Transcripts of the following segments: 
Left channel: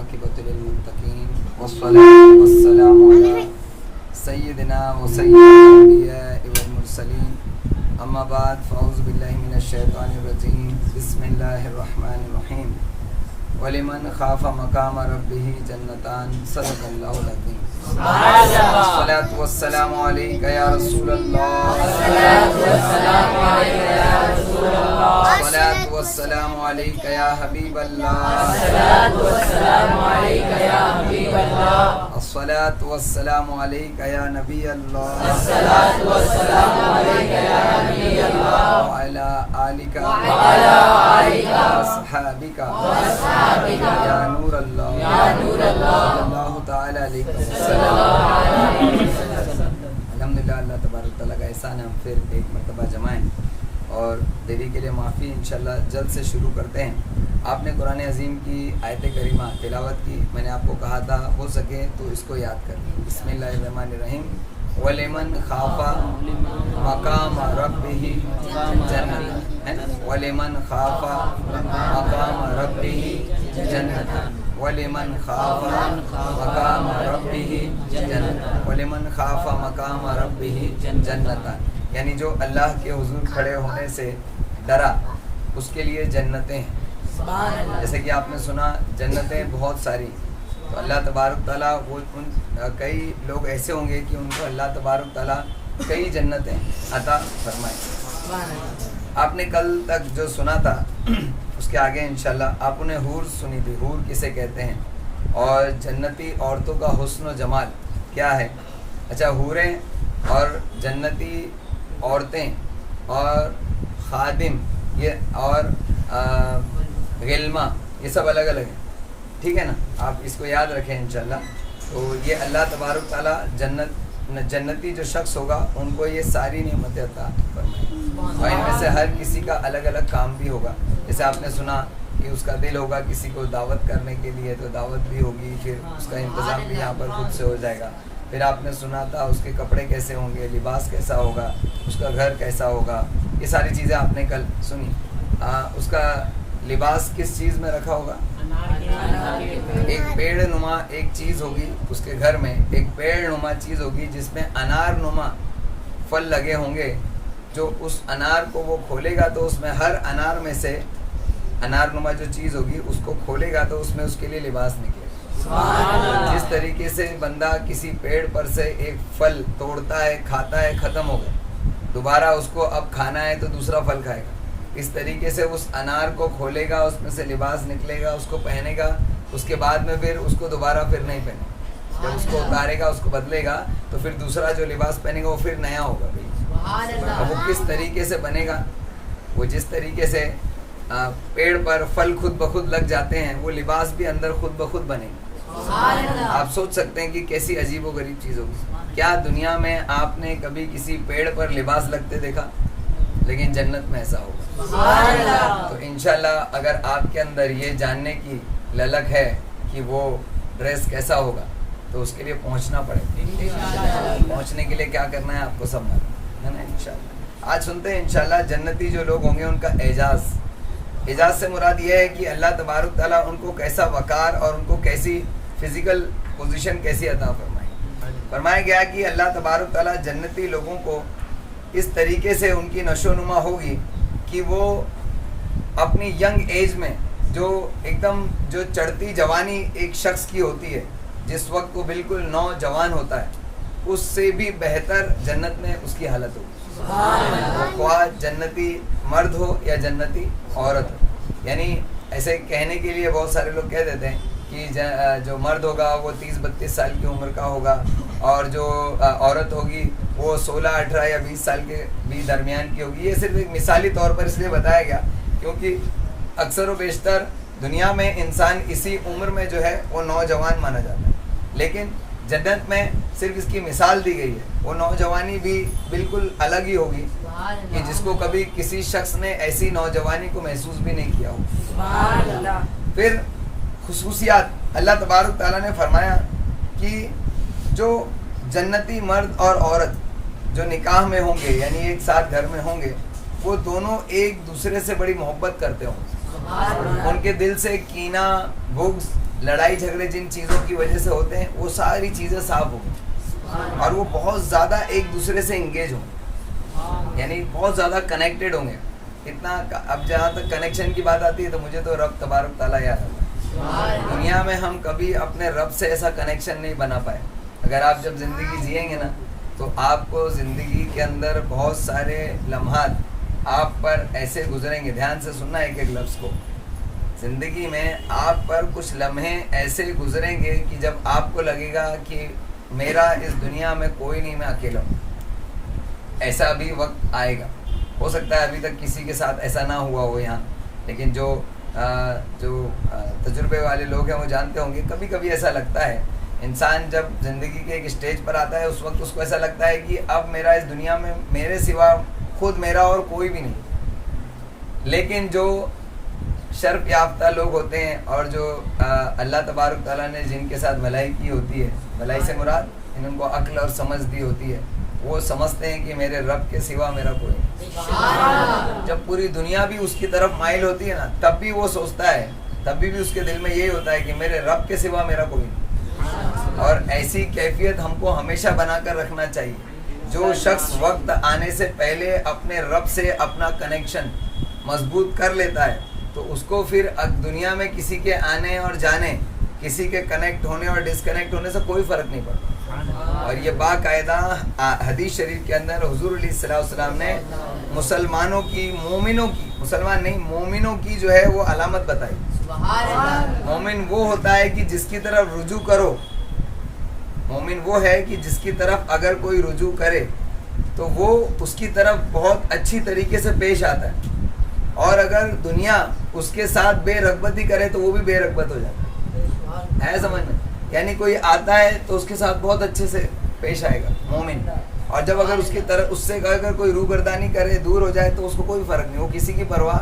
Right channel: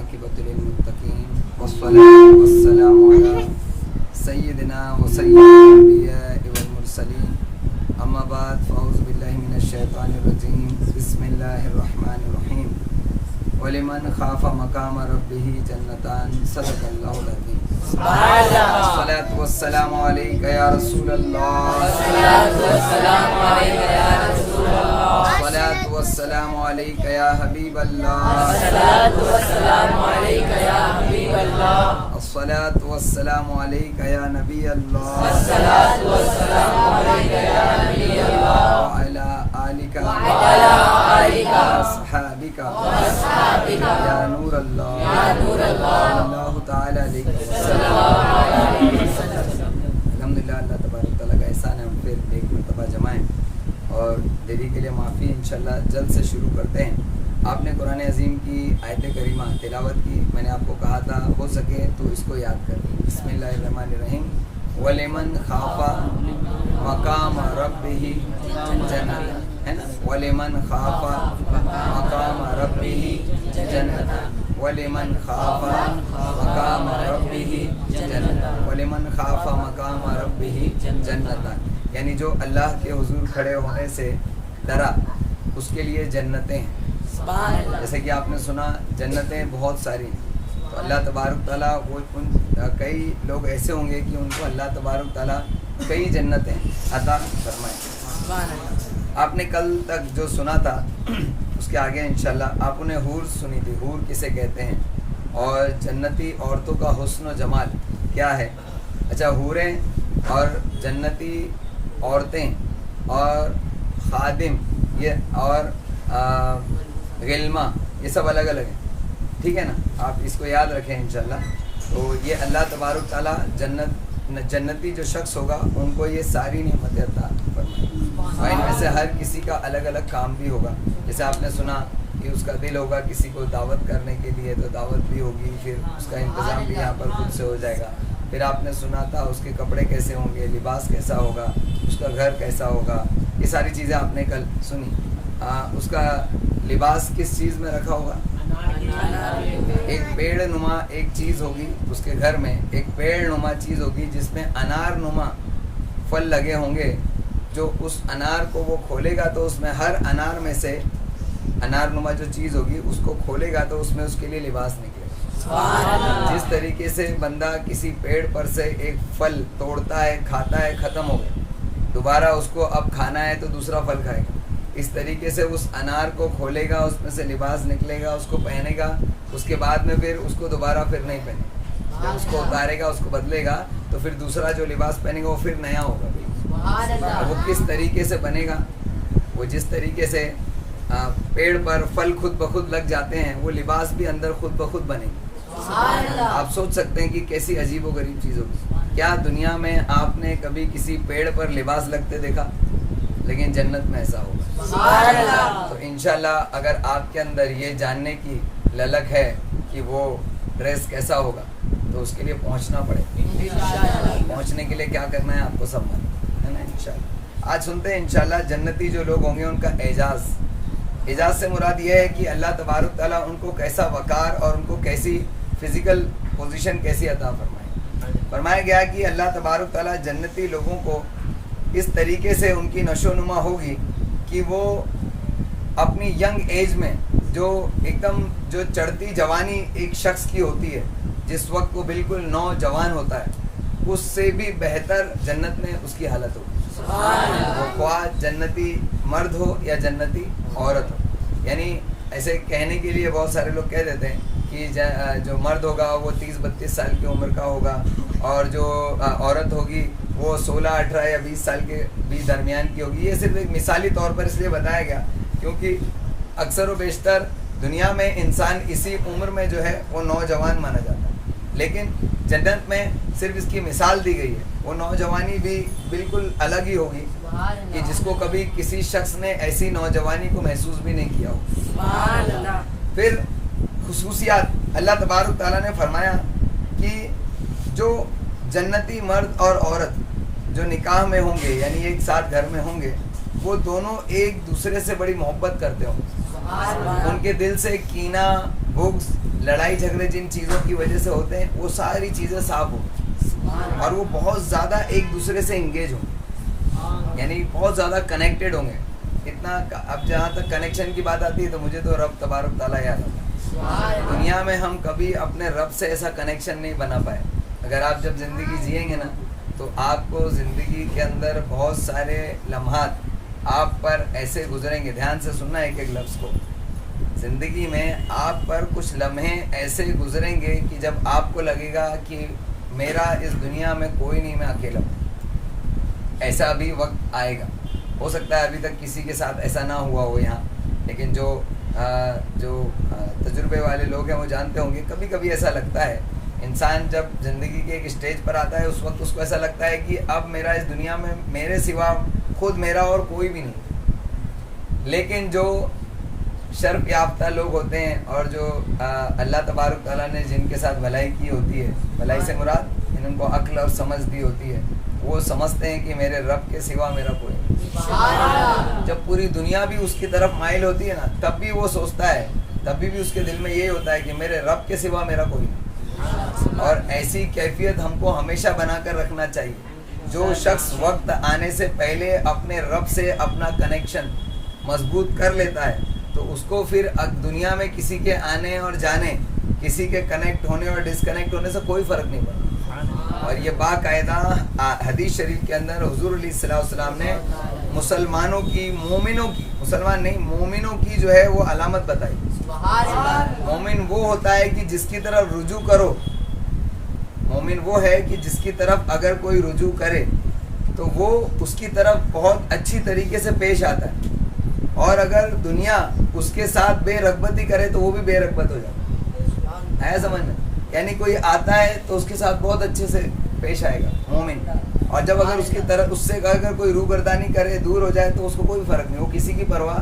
والعاقبۃ للمتقین والصلاة والسلام علی سیدنا و سید الانبیاء والمرسلین اما بعد فاعوذ باللہ من الشیطان الرجیم بسم اللہ الرحمن الرحیم وَلِمَنْ خَافَ مَقَامَ رَبِّهِ جَنَّتَانِ صدق اللہ العظیم الصلاة والسلام علیکہ یا رسول اللہ الصلاة والسلام علیکہ یا حبیب اللہ الصلاة والسلام علیکہ یا نبی اللہ وعلی آلکہ وصحابکہ یا نور اللہ صلی اللہ تعالی علیہ وسلم۔ الحمدللہ اللہ تبارک تعالیٰ کا احسان ہے، ہم پھر ایک مرتبہ جمع ہیں اور دیری کے لیے معافی، انشاءاللہ جلد سے شروع کرتے ہیں۔ آپ نے قرآن عظیم کی آیت کریمہ تلاوت کی، میں نے آپ کو کہا تھا ہو سکے تو اس کو یاد کر لیں۔ بسم اللہ الرحمن الرحیم وَلِمَنْ خَافَ مَقَامَ رَبِّهِ جَنَّتَانِ، ہے نا؟ وَلِمَنْ خَافَ مَقَامَ رَبِّهِ جَنَّتَانِ وَلِمَنْ خَافَ مَقَامَ رَبِّهِ جَنَّتَانِ وَلِمَنْ خَافَ مَقَامَ رَبِّهِ جَنَّتَانِ، یعنی جو اللہ کے حضور کھڑے ہونے سے ڈرا اس کے لیے جنتیں ہیں۔ جیسے کہ آپ نے سنا جنتیں بہت ساری، تو اللہ تبارک تعالیٰ وہ کئی لوگ ایسے ہوں گے کہ ان کو اللہ تبارک تعالیٰ کئی جنتیں عطا فرمائے۔ آپ نے کل تک جو سنا تھا اس کے آگے انشاءاللہ آپ نے حور سنی تھی، حور کسے کہتے ہیں اور جنتی عورتوں کا حسن و جمال کیا ہے۔ اچھا، حوریں اور جنتی عورتیں اور خادم یہ اور غلمہ یہ سب الگ الگ ہیں، ٹھیک ہے نا؟ آپ اس کو یاد رکھیں انشاءاللہ۔ تو یہ اللہ تبارک تعالیٰ جنتی جو شخص ہوگا ان کو یہ ساری نعمتیں عطا فرمائیں، اور ان میں سے ہر کسی کا الگ الگ کام بھی ہوگا۔ جیسے آپ نے سنا کہ اس کا دل ہوگا کسی کو دعوت کرنے کے لیے تو دعوت بھی ہوگی، پھر اس کا انتظام بھی یہاں پر خود سے ہو جائے گا۔ پھر آپ نے سنا تھا اس کے کپڑے کیسے ہوں گے، لباس کیسا ہوگا، اس کا گھر کیسا ہوگا، یہ ساری چیزیں آپ نے کل سنی۔ اس کا لباس کس چیز میں رکھا ہوگا؟ ایک پیڑ نما ایک چیز ہوگی اس کے گھر میں، ایک پیڑ نما چیز ہوگی جس میں انار نما پھل لگے ہوں گے۔ جو اس انار کو وہ کھولے گا تو اس میں ہر انار میں سے انار نما جو چیز ہوگی اس کو کھولے گا تو اس میں اس کے لیے لباس نکلے گا۔ جس طریقے سے بندہ کسی پیڑ پر سے ایک پھل توڑتا ہے، کھاتا ہے، ختم ہو گیا، دوبارہ اس کو اب کھانا ہے تو دوسرا پھل کھائے گا، اس طریقے سے اس انار کو کھولے گا، اس میں سے لباس نکلے گا، اس کو پہنے گا، اس کے بعد میں پھر اس کو دوبارہ پھر نہیں پہنے گا۔ جب اس کو اتارے گا، اس کو بدلے گا تو پھر دوسرا جو لباس پہنے گا وہ پھر نیا ہوگا۔ اب وہ کس طریقے سے بنے گا؟ وہ جس طریقے سے پیڑ پر پھل خود بخود لگ جاتے ہیں وہ لباس بھی اندر خود بخود بنے گا۔ آپ سوچ سکتے ہیں کہ کیسی عجیب و غریب چیز ہوگی۔ کیا دنیا میں آپ نے کبھی کسی پیڑ پر لباس لگتے دیکھا؟ لیکن جنت میں ایسا ہوگا۔ تو انشاءاللہ اگر آپ کے اندر یہ جاننے کی للک ہے کہ وہ ڈریس کیسا ہوگا تو اس کے لیے پہنچنا پڑے گا۔ پہنچنے کے لیے کیا کرنا ہے آپ کو سب معلوم ہے نا انشاءاللہ۔ آج سنتے ہیں انشاءاللہ جنتی جو لوگ ہوں گے ان کا اعزاز۔ اعزاز سے مراد یہ ہے کہ اللہ تبارک تعالیٰ ان کو کیسا وقار اور ان کو کیسی فزیکل پوزیشن کیسی عطا فرمائے۔ فرمایا گیا کہ اللہ تبارک تعالیٰ جنتی لوگوں کو اس طریقے سے ان کی نشو و نما ہوگی کہ وہ اپنی ینگ ایج میں جو ایک دم جو چڑھتی جوانی ایک شخص کی ہوتی ہے، جس وقت وہ بالکل نوجوان ہوتا ہے، اس سے بھی بہتر جنت میں اس کی حالت ہوگی۔ وہ خواہ جنتی مرد ہو یا جنتی عورت ہو، یعنی ایسے کہنے کے لیے بہت سارے لوگ کہہ دیتے ہیں کہ جو مرد ہوگا وہ 30-32 سال کی عمر کا ہوگا اور جو عورت ہوگی وہ 16-18 یا 20 سال کے بھی درمیان کی ہوگی۔ یہ صرف ایک مثالی طور پر اس لیے بتایا گیا کیونکہ اکثر و بیشتر دنیا میں انسان اسی عمر میں جو ہے وہ نوجوان مانا جاتا ہے، لیکن جنت میں صرف اس کی مثال دی گئی ہے۔ وہ نوجوانی بھی بالکل الگ ہی ہوگی کہ جس کو کبھی کسی شخص نے ایسی نوجوانی کو محسوس بھی نہیں کیا ہو۔ پھر خصوصیات اللہ تبارک تعالیٰ نے فرمایا کہ جو جنتی مرد اور عورت جو نکاح میں ہوں گے یعنی ایک ساتھ گھر میں ہوں گے، وہ دونوں ایک دوسرے سے بڑی محبت کرتے ہوں، ان کے دل سے کینہ، بغض لڑائی جھگڑے جن چیزوں کی وجہ سے ہوتے ہیں وہ ساری چیزیں صاف ہوں اور وہ بہت زیادہ ایک دوسرے سے انگیج ہوں، یعنی بہت زیادہ کنیکٹڈ ہوں گے اتنا. اب جہاں تک کنیکشن کی بات آتی ہے تو مجھے تو رب تبارک تعالیٰ یاد آتا ہے. دنیا میں ہم کبھی اپنے رب سے ایسا کنیکشن نہیں بنا پائے. اگر آپ جب زندگی جئیں گے نا تو آپ کو زندگی کے اندر بہت سارے لمحات آپ پر ایسے گزریں گے. دھیان سے سننا ایک ایک لفظ کو. زندگی میں آپ پر کچھ لمحے ایسے گزریں گے کہ جب آپ کو لگے گا کہ میرا اس دنیا میں کوئی نہیں، میں اکیلا ہوں. ایسا بھی وقت آئے گا. ہو سکتا ہے ابھی تک کسی کے ساتھ ایسا نہ ہوا ہو یہاں، لیکن جو تجربے والے لوگ ہیں وہ جانتے ہوں گے کبھی کبھی ایسا لگتا ہے. انسان جب زندگی کے ایک اسٹیج پر آتا ہے اس وقت اس کو ایسا لگتا ہے کہ اب میرا اس دنیا میں میرے سوا خود میرا اور کوئی بھی نہیں. لیکن جو شرف یافتہ لوگ ہوتے ہیں اور جو اللہ تبارک تعالیٰ نے جن کے ساتھ بھلائی کی ہوتی ہے، بھلائی سے مراد ان کو عقل اور سمجھ دی ہوتی ہے، وہ سمجھتے ہیں کہ میرے رب کے سوا میرا کوئی نہیں. جب پوری دنیا بھی اس کی طرف مائل ہوتی ہے نا تب بھی وہ سوچتا ہے، تب بھی اس کے دل میں یہی ہوتا ہے کہ میرے رب کے سوا میرا کوئی نہیں. اور ایسی کیفیت ہم کو ہمیشہ بنا کر رکھنا چاہیے. جو شخص وقت آنے سے پہلے اپنے رب سے اپنا کنیکشن مضبوط کر لیتا ہے تو اس کو پھر دنیا میں کسی کے آنے اور جانے، کسی کے کنیکٹ ہونے اور ڈسکنیکٹ ہونے سے کوئی فرق نہیں پڑتا. اور یہ باقاعدہ حدیث شریف کے اندر حضور علیہ الصلوۃ والسلام نے مسلمانوں کی، مومنوں کی، مسلمان نہیں مومنوں کی جو ہے وہ علامت بتائی. مومن وہ ہوتا ہے کہ جس کی طرف رجوع کرو، مومن وہ ہے کہ جس کی طرف اگر کوئی رجوع کرے تو وہ اس کی طرف بہت اچھی طریقے سے پیش آتا ہے، اور اگر دنیا اس کے ساتھ بے رغبتی کرے تو وہ بھی بے رغبت ہو جاتا ہے. سمجھ میں؟ یعنی کوئی آتا ہے تو اس کے ساتھ بہت اچھے سے پیش آئے گا مومن، اور جب اگر اس کی طرف اس سے اگر کوئی روگردانی کرے، دور ہو جائے تو اس کو کوئی فرق نہیں. وہ کسی کی پرواہ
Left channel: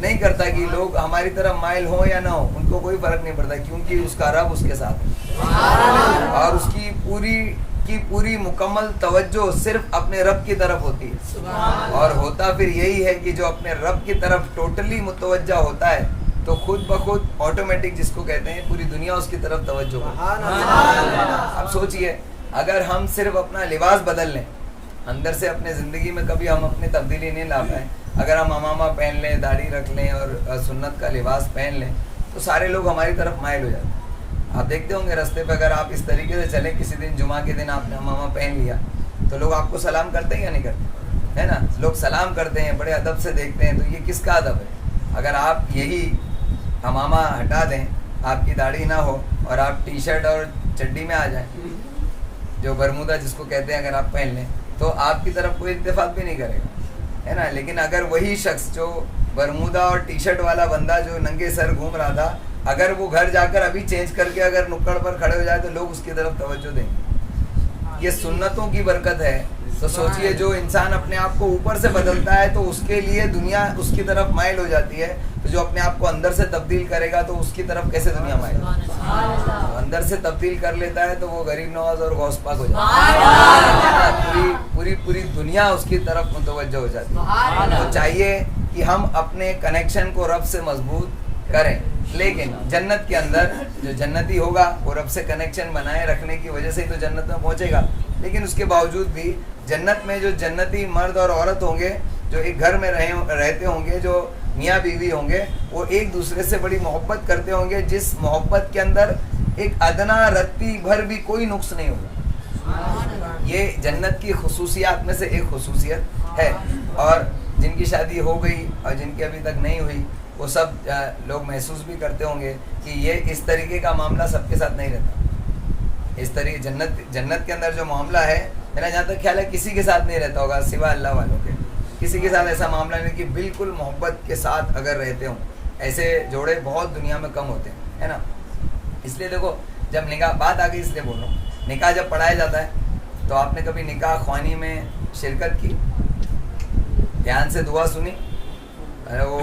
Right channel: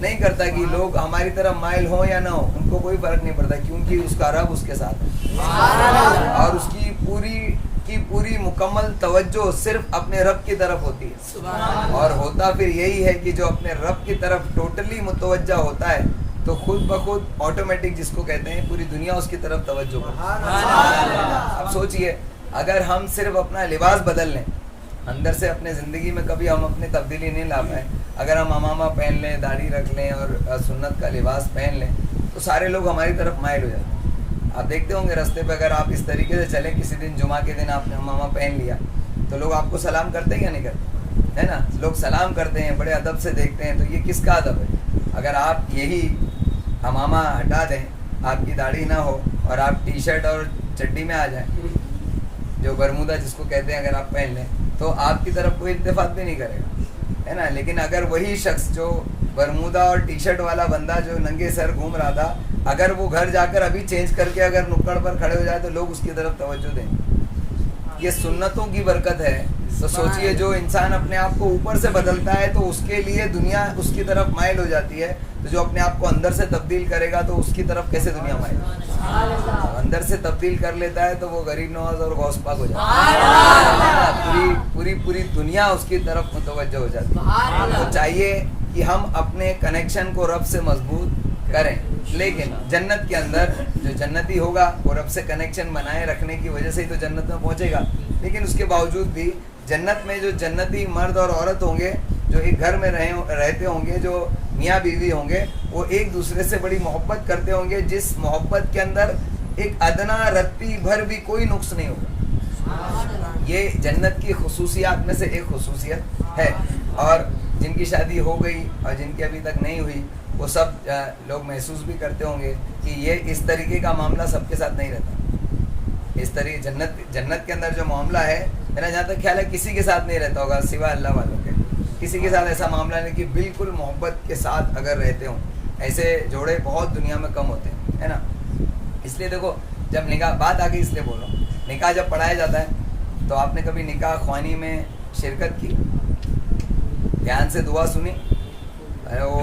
نہیں کرتا کہ لوگ ہماری طرف مائل ہوں یا نہ ہو، ان کو کوئی فرق نہیں پڑتا کیونکہ اس کا رب اس کے ساتھ ہے اور اس کی پوری مکمل توجہ صرف اپنے رب کی طرف ہوتی ہے. اور ہوتا پھر یہی ہے کہ جو اپنے رب کی طرف ٹوٹلی متوجہ ہوتا ہے تو خود بخود آٹومیٹک جس کو کہتے ہیں پوری دنیا اس کی طرف توجہ کرتی ہے. اب سوچئے اگر ہم صرف اپنا لباس بدل لیں، اندر سے اپنے زندگی میں کبھی ہم اپنی تبدیلی نہیں لا پائیں، اگر ہم امامہ پہن لیں، داڑھی رکھ لیں اور سنت کا لباس پہن لیں تو سارے لوگ ہماری طرف مائل ہو جاتے ہیں. آپ دیکھتے ہوں گے رستے پہ اگر آپ اس طریقے سے چلیں، کسی دن جمعہ کے دن آپ نے امامہ پہن لیا تو لوگ آپ کو سلام کرتے ہیں یا نہیں کرتے؟ ہے نا، لوگ سلام کرتے ہیں، بڑے ادب سے دیکھتے ہیں. تو یہ کس کا ادب ہے؟ اگر آپ یہی امامہ ہٹا دیں، آپ کی داڑھی نہ ہو اور آپ ٹی شرٹ اور چڈی میں آ جائیں، جو برمودا جس کو کہتے ہیں، اگر آپ پہن لیں تو آپ کی طرف کوئی اتفاق بھی نہیں کرے گا، ہے نا. لیکن اگر وہی شخص جو برمودا اور ٹی شرٹ والا بندہ جو ننگے سر گھوم رہا تھا، اگر وہ گھر جا کر ابھی چینج کر کے اگر نکڑ پر کھڑے ہو جائے تو لوگ اس کی طرف توجہ دیں گے. یہ سنتوں کی برکت ہے. تو سوچئے جو انسان اپنے آپ کو اوپر سے بدلتا ہے تو اس کے لیے دنیا اس کی طرف مائل ہو جاتی ہے، تو جو اپنے آپ کو اندر سے تبدیل کرے گا تو اس کی طرف کیسے دنیا مائل ہوگی؟ اندر سے تبدیل کر لیتا ہے تو وہ غریب نواز اور غوث پاک ہو جاتا ہے. پوری دنیا اس کی طرف متوجہ ہو جاتی ہے. تو چاہیے کہ ہم اپنے کنیکشن کو رب سے مضبوط کریں. لیکن جنت کے اندر جو جنتی ہوگا وہ رب سے کنیکشن بنائے رکھنے کی وجہ سے ہی تو جنت میں پہنچے گا. لیکن اس کے باوجود بھی جنت میں جو جنتی مرد اور عورت ہوں گے، جو ایک گھر میں رہتے ہوں گے، جو میاں بیوی ہوں گے، وہ ایک دوسرے سے بڑی محبت کرتے ہوں گے، جس محبت کے اندر ایک ادنا رتی بھر بھی کوئی نقص نہیں ہوگا. یہ جنت کی خصوصیات میں سے ایک خصوصیت ہے. اور جن کی شادی ہو گئی اور جن کی ابھی تک نہیں ہوئی وہ سب لوگ محسوس بھی کرتے ہوں گے کہ یہ اس طریقے کا معاملہ سب کے ساتھ نہیں رہتا. اس طریقے جنت کے اندر جو معاملہ ہے، میرا جہاں تک خیال ہے کسی کے ساتھ نہیں رہتا ہوگا سوائے اللہ والوں کے. کسی کے ساتھ ایسا معاملہ نہیں کہ بالکل محبت کے ساتھ اگر رہتے ہوں. ایسے جوڑے بہت دنیا میں کم ہوتے ہیں، ہے نا. اس لیے دیکھو جب نکاح بات آ گئی اس لیے بولو، نکاح جب پڑھایا جاتا ہے تو آپ نے کبھی نکاح خوانی میں شرکت کی؟ دھیان سے دعا سنی؟ وہ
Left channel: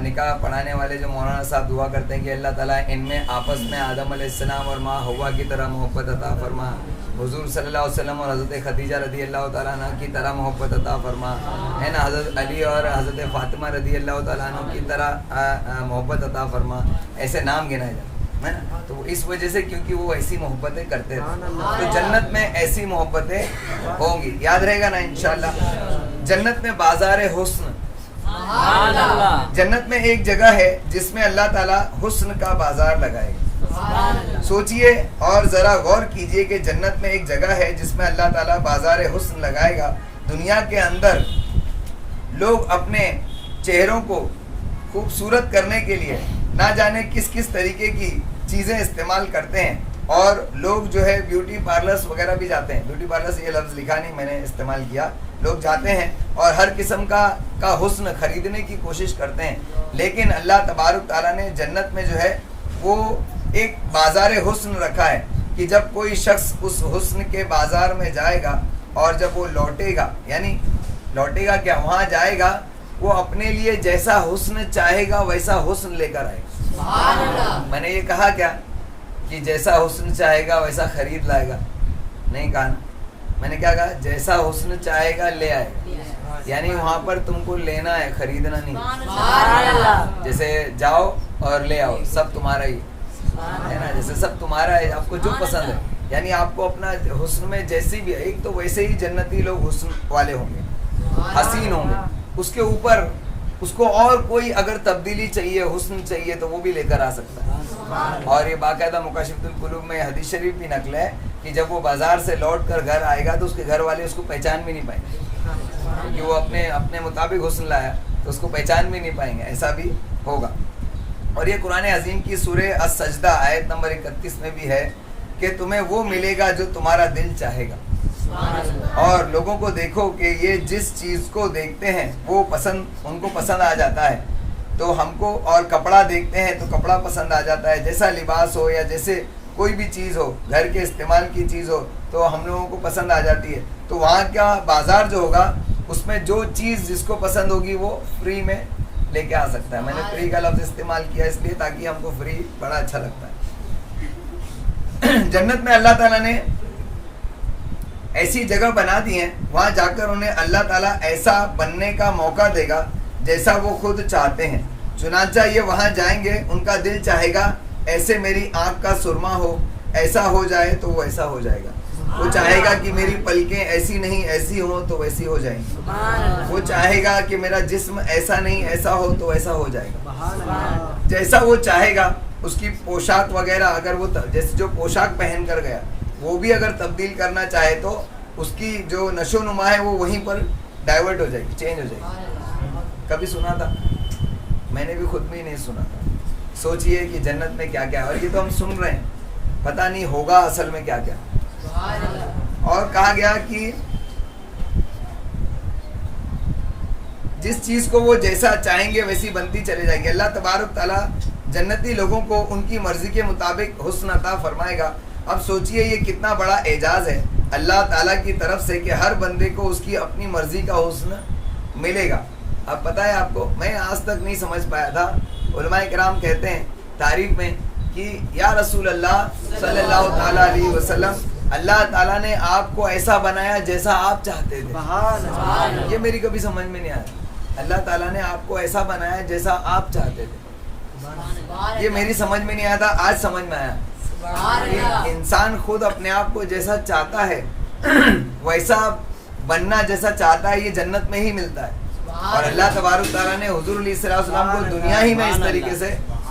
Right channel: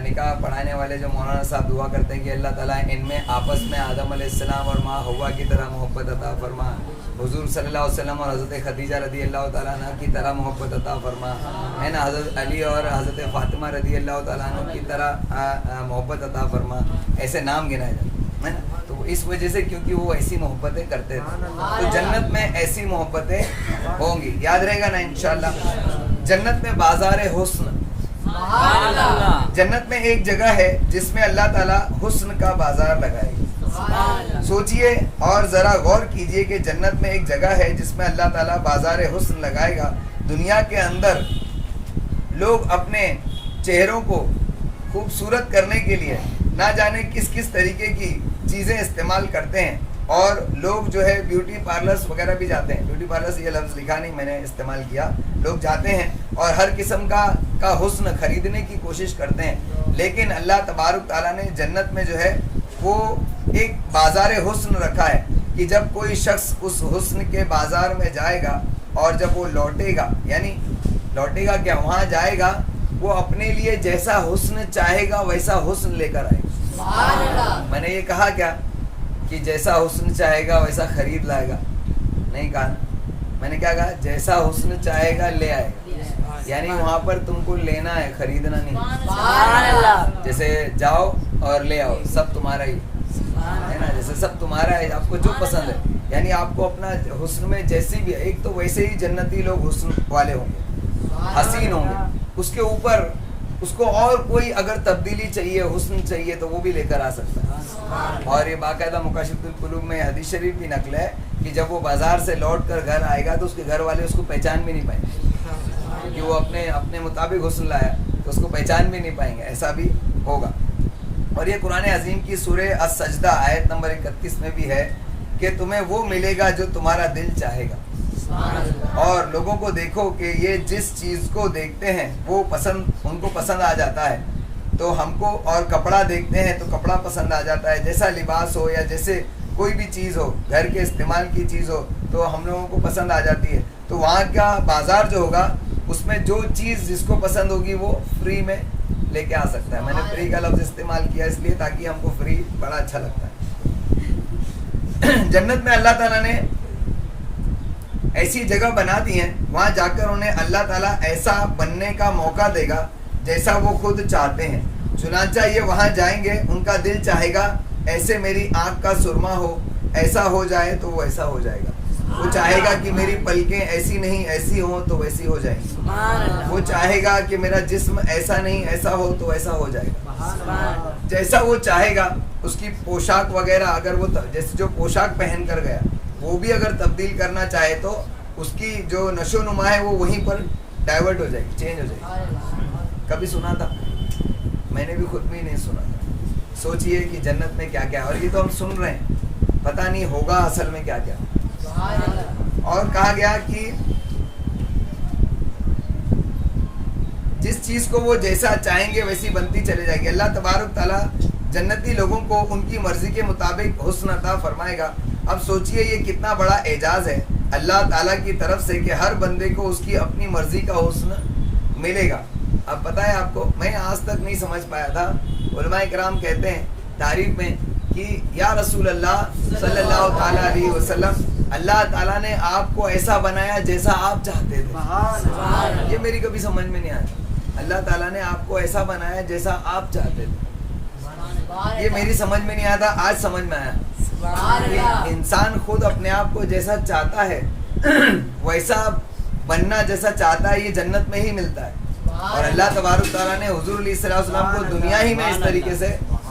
نکاح پڑھانے والے جو مولانا صاحب دعا کرتے ہیں کہ اللہ تعالیٰ ان میں آپس میں آدم علیہ السلام اور ماں حوا کی طرح محبت عطا فرما، حضور صلی اللہ علیہ وسلم اور حضرت خدیجہ رضی اللہ تعالیٰ عنہ کی طرح محبت عطا فرما، ہے نا، حضرت علی اور حضرت فاطمہ رضی اللہ تعالیٰ عنہ کی طرح محبت عطا فرما. ایسے نام گنائے جاتے ہیں. ہے نا. تو اس وجہ سے کیونکہ وہ ایسی محبتیں کرتے تھے تو جنت میں ایسی محبتیں ہوں گی. یاد رہے گا نا انشاءاللہ. جنت میں بازار حسن, جنت میں ایک جگہ ہے جس میں اللہ تعالیٰ حسن کا بازار لگائے گا. سوچئے اور ذرا غور کیجئے کہ جنت میں ایک جگہ ہے جس میں اللہ تعالیٰ بازار حسن لگائے گا. دنیا کے اندر لوگ اپنے چہروں کو خوبصورت کرنے کے لیے نہ جانے کس کس طریقے کی چیزیں استعمال کرتے ہیں, اور لوگ جو ہے بیوٹی پارلرز وغیرہ بھی جاتے ہیں. بیوٹی پارلرز یہ لفظ لکھا نہیں, میں نے استعمال کیا. لوگ جاتے ہیں اور ہر قسم کا حسن خریدنے کی کوشش کرتے ہیں, لیکن اللہ تبارک تعالیٰ نے جنت میں جو ہے وہ ایک بازار حسن رکھا ہے کہ جب کوئی شخص اس حسن کے بازار میں جائے گا اور جب وہ لوٹے گا, یعنی لوٹے گا کیا, وہاں جائے گا, وہ اپنے لیے جیسا حسن چاہے گا ویسا حسن لے کر آئے گا. میں نے یہ کہا کیا کہ جیسا حسن چاہے گا ویسا خرید لائے گا؟ نہیں کہا نا. میں نے کیا کہا, جیسا حسن چاہے گا لے آئے گا. یعنی وہاں پر تم کو لینا ہے, خریدنا نہیں. جیسے جاؤ اور لے آؤ, سب تمہارا ہی ہے نا. جیسے سب تمہارا ہے, آپ کو جو پسند ہے, یعنی آپ کو اپنا حسن میں جیسی بھی ہے, ایک تو ویسے ہی جنتی لوگ حسن والے ہوں گے, حسین ہوں گے. اس کے اوپر اس کو اور کوئی اگر تبدیلی چاہیے, حسن چاہیے, تو وہ بھی لے کر آ سکتا ہے. اور یہ باقاعدہ مکاشفۃ القلوب میں حدیث شریف بھی نقل ہے کہ جب وہ بازار سے لوٹ کر گھر آئے گا تو اس کے گھر والے اس کو پہچان بھی نہیں پائیں گے, کیونکہ وہ اپنے مطابق حسن لایا, تو اس کو پہچان بھی نہیں پائیں گے. ایسا بھی ہوگا. اور یہ قرآن عظیم کی سورہ السجدہ آیت نمبر 31 میں بھی ہے کہ تمہیں وہ ملے گا جو تمہارا دل چاہے گا. اور لوگوں کو دیکھو کہ یہ جس چیز کو دیکھتے ہیں وہ ان کو پسند آ جاتا ہے, تو ہم کو, اور کپڑا دیکھتے ہیں تو کپڑا پسند آ جاتا ہے. جیسا لباس ہو یا جیسے کوئی بھی چیز ہو, گھر کے استعمال کی چیز ہو, تو ہم لوگوں کو پسند آ جاتی ہے. تو وہاں کا بازار جو ہوگا اس میں جو چیز جس کو پسند ہوگی وہ فری میں لے کے آ سکتا ہے. میں نے فری کا لفظ استعمال کیا اس لیے تاکہ ہم کو فری بڑا اچھا لگتا ہے. جنت میں اللہ تعالیٰ نے ایسی جگہ بنا دی ہیں, وہاں جا کر انہیں اللہ تعالیٰ ایسا بننے کا موقع دے گا جیسا وہ خود چاہتے ہیں. چنانچہ یہ وہاں جائیں گے, ان کا دل چاہے گا ایسے میری آنکھ کا سرما ہو, ایسا ہو جائے تو وہ ایسا ہو جائے گا. وہ چاہے گا کہ میری پلکیں ایسی نہیں ایسی ہوں تو ویسی ہو جائیں گی. وہ چاہے گا کہ میرا جسم ایسا نہیں ایسا ہو تو ایسا ہو جائے گا. جیسا وہ چاہے گا. اس کی پوشاک وغیرہ اگر وہ جیسے جو پوشاک پہن کر گیا وہ بھی اگر تبدیل کرنا چاہے تو اس کی جو نشو و نما ہے وہ وہیں پر ڈائیورٹ ہو جائے گی, چینج ہو جائے گی. کبھی سنا تھا؟ میں نے بھی خود بھی نہیں سنا تھا. سوچئے کہ جنت میں کیا کیا, اور یہ تو ہم سن رہے ہیں, پتہ نہیں ہوگا اصل میں کیا کیا. اور کہا گیا کہ جس چیز کو وہ جیسا چاہیں گے ویسی بنتی چلے جائے گی. اللہ تبارک تعالیٰ جنتی لوگوں کو ان کی مرضی کے مطابق حسن عطا فرمائے گا. اب سوچئے یہ کتنا بڑا اعجاز ہے اللہ تعالیٰ کی طرف سے کہ ہر بندے کو اس کی اپنی مرضی کا حسن ملے گا. اب پتہ ہے آپ کو, میں آج تک نہیں سمجھ پایا تھا. علماء کرام کہتے ہیں تعریف میں کہ یا رسول اللہ صلی اللہ تعالیٰ علیہ وسلم, اللہ تعالیٰ نے آپ کو ایسا بنایا جیسا آپ چاہتے تھے. یہ میری کبھی سمجھ میں نہیں آیا. اللہ تعالیٰ نے آپ کو ایسا بنایا جیسا آپ چاہتے تھے. یہ میری سمجھ میں نہیں آیا تھا, آج سمجھ میں آیا. انسان خود اپنے آپ کو جیسا چاہتا ہے ویسا بننا جیسا چاہتا ہے یہ جنت میں ہی ملتا ہے. اور اللہ تبارک تعالیٰ نے حضور علیہ السلام کو دنیا ہی میں اس طریقے سے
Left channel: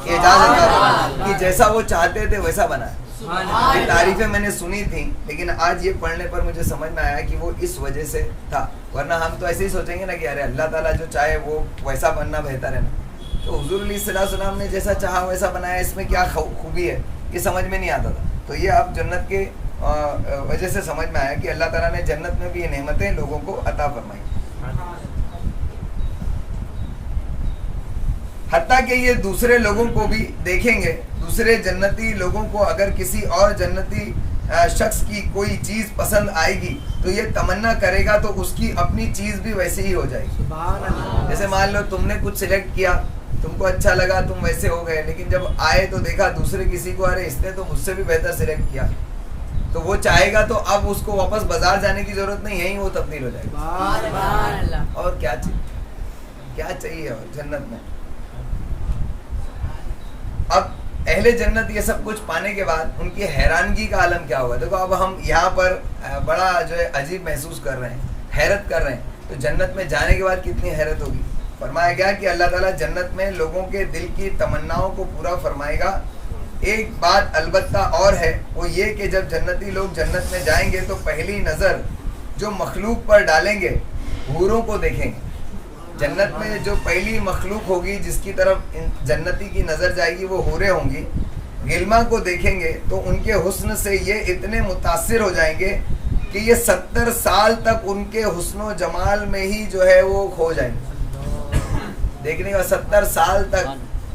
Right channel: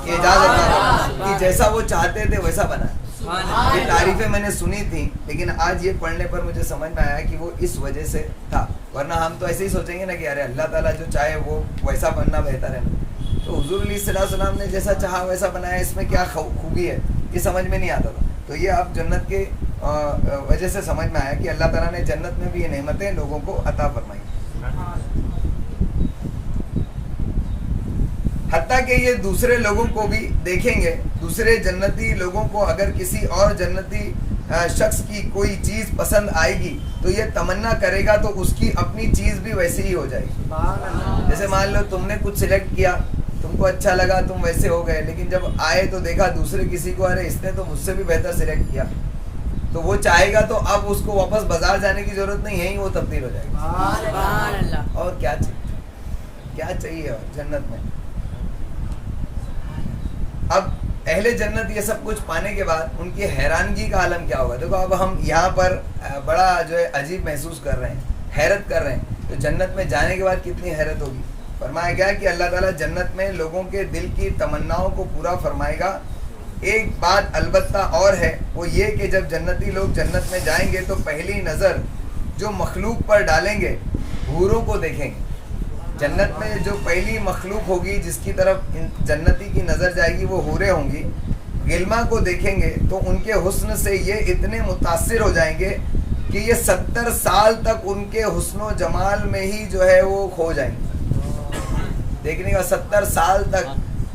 اجازت دی کہ جیسا وہ چاہتے تھے ویسا بنا. یہ تعریفیں میں نے سنی تھیں, لیکن آج یہ پڑھنے پر مجھے سمجھ میں آیا کہ وہ اس وجہ سے تھا. ورنہ ہم تو ایسے ہی سوچیں گے نا کہ ارے اللہ تعالیٰ جو چاہے وہ ویسا بننا بہتر ہے نا. تو حضور علیہ السلام نے جیسا چاہا ویسا بنایا, اس میں کیا خوبی ہے یہ سمجھ میں نہیں آتا تھا. تو یہ اب جنت کے وجہ سے سمجھ میں آیا کہ اللہ تعالیٰ نے جنت میں بھی یہ نعمتیں لوگوں کو عطا فرمائی. حتیٰ کہ یہ دوسرے لوگوں کو بھی دیکھیں گے, دوسرے جنتی لوگوں کو اگر کسی اور جنتی شخص کی کوئی چیز پسند آئے گی تو یہ تمنا کرے گا تو اس کی اپنی چیز بھی ویسے ہی ہو جائے گی. جیسے مان لو تم نے کچھ سلیکٹ کیا, تم کو اچھا لگا, تم ویسے ہو گئے, لیکن جب آئے تو دیکھا دوسرے کسی کو ارے اس نے تو مجھ سے بھی بہتر سلیکٹ کیا, تو وہ چاہے گا تو اب اس کو واپس بازار جانے کی ضرورت نہیں ہے, وہ تبدیل ہو جائے گا. اور کیا چاہیے اور جنت میں. اب اہل جنت یہ سب کچھ پانے کے بعد ان کی حیرانگی کا عالم کیا ہوگا. دیکھو اب ہم یہاں پر بڑا جو ہے عجیب محسوس کر رہے ہیں, حیرت کر رہے ہیں, تو جنت میں جانے کے بعد کتنی حیرت ہوگی. فرمایا گیا کہ اللہ تعالیٰ جنت میں لوگوں کے دل کی تمناؤں کو پورا فرمائے گا. ایک بات البتہ اور ہے, وہ یہ کہ جب جنتی لوگ جنت میں جائیں گے تو پہلی نظر جو مخلوق پر ڈالیں گے حوروں کو دیکھیں گے. جنت میں جو پہلی مخلوق ہوگی جس کی طرف جنتی کی نظر جائے گی وہ حوریں ہوں گی. غلما کو دیکھیں گے تو ان کے حسن سے یہ اتنے متاثر ہو جائیں گے کہ یہ 70 سال تک ان کے حسن و جمال میں ہی جو ہے وہ کھو جائیں گے. دیکھنے کا 70 سال تک.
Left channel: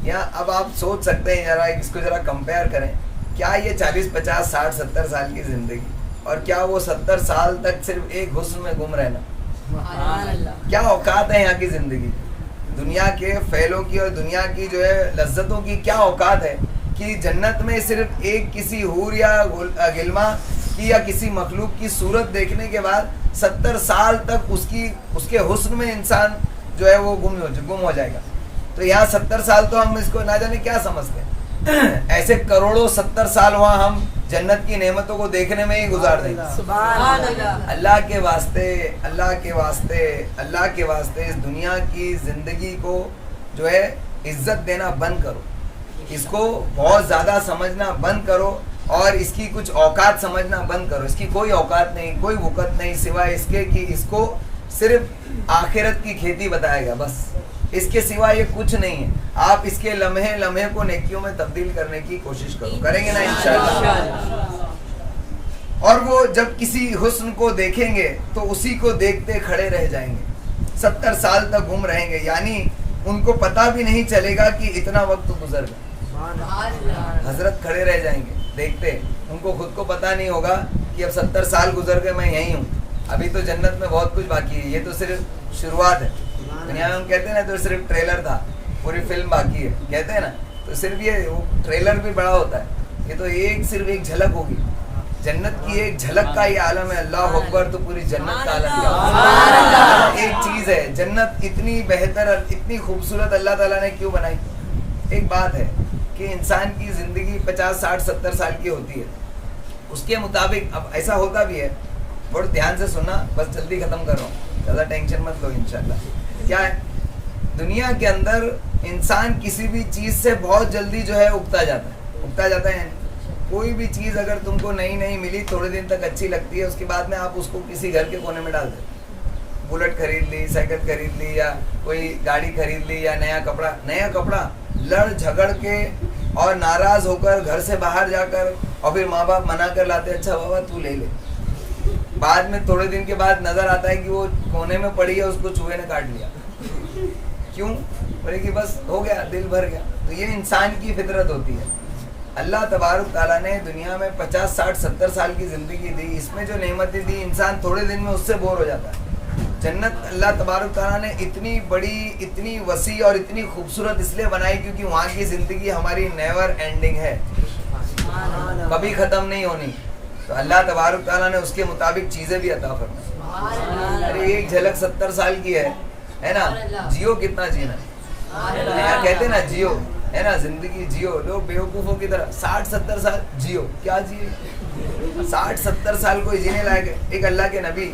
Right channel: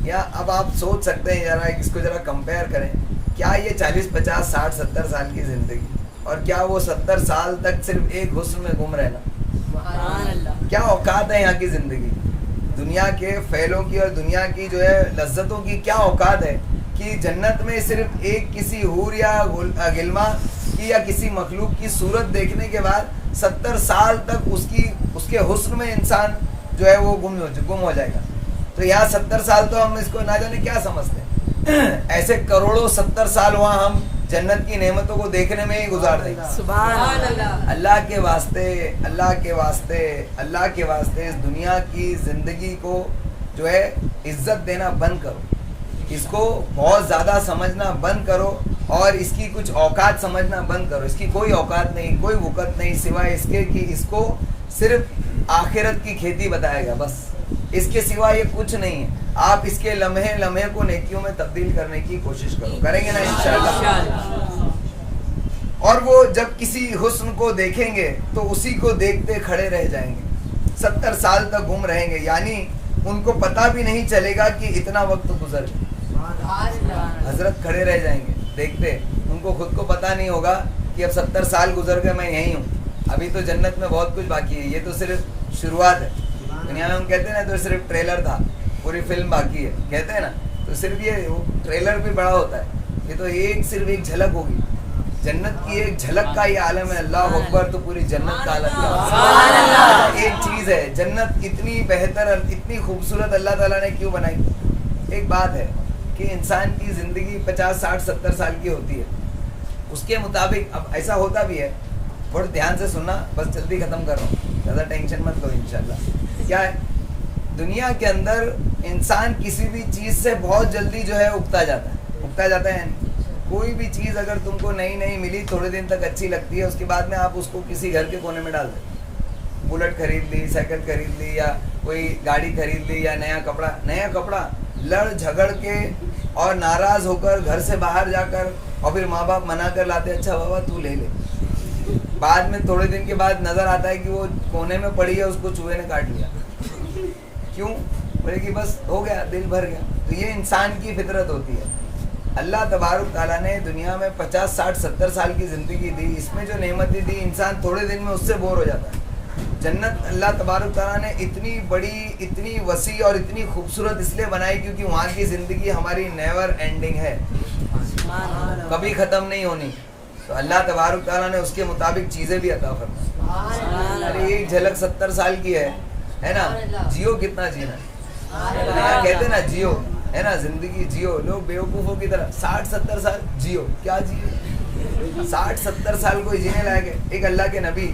یا اب آپ سوچ سکتے ہیں ذرا اس کو ذرا کمپیئر کریں, کیا یہ 40 50 60 70 سال کی زندگی اور کیا وہ 70 سال تک صرف ایک حسن میں گم رہنا, کیا اوقات ہے یہاں کی زندگی. دنیا کے فعلوں کی اور دنیا کی جو ہے لذتوں کی کیا اوقات ہے کہ جنت میں صرف ایک کسی حور یا غلما کی یا کسی مخلوق کی صورت دیکھنے کے بعد 70 سال تک اس کے حسن میں انسان جو ہے وہ گم ہو جائے گا. تو یہاں 70 سال تو ہم اس کو نہ جانے کیا سمجھتے ہیں, ایسے کروڑوں 70 سال وہاں ہم جنت کی نعمتوں کو دیکھنے میں ہی گزار دیں گے. سبحان اللہ. اللہ کے واسطے, اللہ کے واسطے, اللہ کے واسطے اس دنیا کی زندگی کو جو ہے عزت دینا بند کرو, اس کو بہت زیادہ سمجھنا بند کرو اور اس کی کچھ اوقات سمجھنا بند کرو. اس کی کوئی اوقات نہیں, کوئی وقت نہیں سوائے اس کے کہ اس کو صرف آخرت کی کھیتی بتائے گا بس. اس کے سوا یہ کچھ نہیں ہے. آپ اس کے لمحے لمحے کو نیکیوں میں تبدیل کرنے کی کوشش کرو, کریں گے نا انشاءاللہ. اور وہ جب کسی حسن کو دیکھیں گے تو اسی کو دیکھتے کھڑے رہ جائیں گے, 70 سال تک گم رہیں گے. یعنی ان کو پتہ بھی نہیں چلے گا کہ اتنا وقت گزر گیا. حضرت کھڑے رہ جائیں گے دیکھتے, ان کو خود کو پتہ نہیں ہوگا کہ اب 70 سال گزر گئے, میں یہیں ہوں. ابھی تو جنت میں بہت کچھ باقی ہے, یہ تو صرف شروعات ہے. دنیا میں ہم کہتے ہیں نا تو صرف ٹریلر تھا, پوری فلم باقی ہے کہتے ہیں نا, تو صرف یہ ٹریلر بھی بڑا ہوتا ہے. یہ تو صرف ایک جھلک ہوگی. جنت کی ایک جھلک کا یہ عالم ہے. اللہ اکبر, تو پوری جنت کا عالم کیا ایک چیز ہے. جنت اتنی بہتر, اتنی خوبصورت اللہ تعالیٰ نے کیوں بنائی. ایک بات ہے کہ انسان کی زندگی 50 60 70 سال کی ہوتی ہے, اس کے مطابق. اب ایسا ہوتا بھی ہے, بہت دھیان سے سننا, بس جلدی ختم کر رہا ہوں, زیادہ ٹینشن مت لو انشاءاللہ. کیا ہے دنیا کے اندر انسان کسی بھی چیز سے بہت جلدی جو ہے اگتا جاتا ہے. یعنی کوئی بھی چیز اگر تم کو نئی ملی, تھوڑے دن تک اچھی لگتی ہے, اس کے بعد میں آپ اس کو کسی گھر کے کونے میں ڈال دیں. بلٹ خرید لی, سائیکل خرید لی, یا کوئی گاڑی خرید لی, یا نیا کپڑا لڑ جھگڑ کے اور ناراض ہو کر گھر سے باہر جا کر, اور پھر ماں باپ منع کر لاتے, اچھا بابا تو لے لے. بعد میں تھوڑے دن کے بعد نظر آتا ہے کہ وہ کونے میں پڑی ہے, اس کو چوہے نے کاٹ لیا. کیوں؟ بولے کہ بس ہو گیا, دل بھر گیا. تو یہ انسان کی فطرت ہوتی ہے. اللہ تبارک تعالیٰ نے دنیا میں 50 60 70 سال کی زندگی دی, اس میں جو نعمتیں دی انسان تھوڑے دن میں اس سے بور ہو جاتا ہے. جنت اللہ تبارک تعالیٰ نے اتنی بڑی, اتنی وسیع اور اتنی خوبصورت اس لیے بنائی کیونکہ وہاں کی زندگی ہماری نیور اینڈنگ ہے, کبھی ختم نہیں ہونی. تو اللہ تبارک تعالیٰ نے اس کے مطابق چیزیں بھی عطا فرمائی. ارے ایک جھلک 70 سال کی ہے نا, جیو کتنا جینا ہے. کہتے نا جیو, ہے نا, زندگی جیو. لوگ بیوقوفوں کی طرح 60 70 سال جیو, کیا جیو 60 70 سال کوئی جینے لائق ہے. ایک اللہ کے نبی,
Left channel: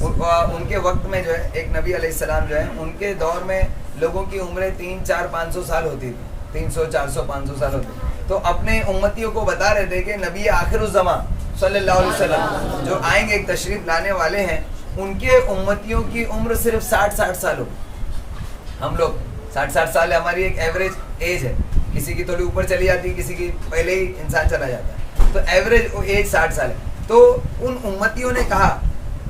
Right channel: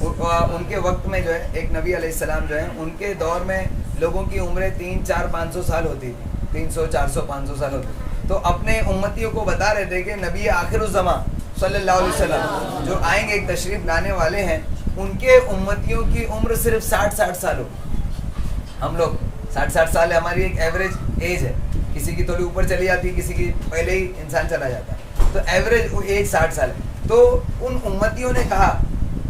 ان کے وقت میں جو ہے ایک نبی علیہ السلام جو ہے, ان کے دور میں لوگوں کی عمریں 300 400 500 سال ہوتی تھی, 300 400 500 سال ہوتی. تو اپنے امتیوں کو بتا رہے تھے کہ نبی آخر الزمان صلی اللہ علیہ وسلم جو آئیں گے, ایک تشریف لانے والے ہیں, ان کے امتیوں کی عمر صرف 60 سال ہو. ہم لوگ 60 سال ہماری ایک ایوریج ایج ہے. کسی کی تھوڑی اوپر چلی جاتی ہے, کسی کی پہلے ہی انسان چلا جاتا ہے, تو ایوریج ایج 60 سال ہے. تو ان امتیوں نے کہا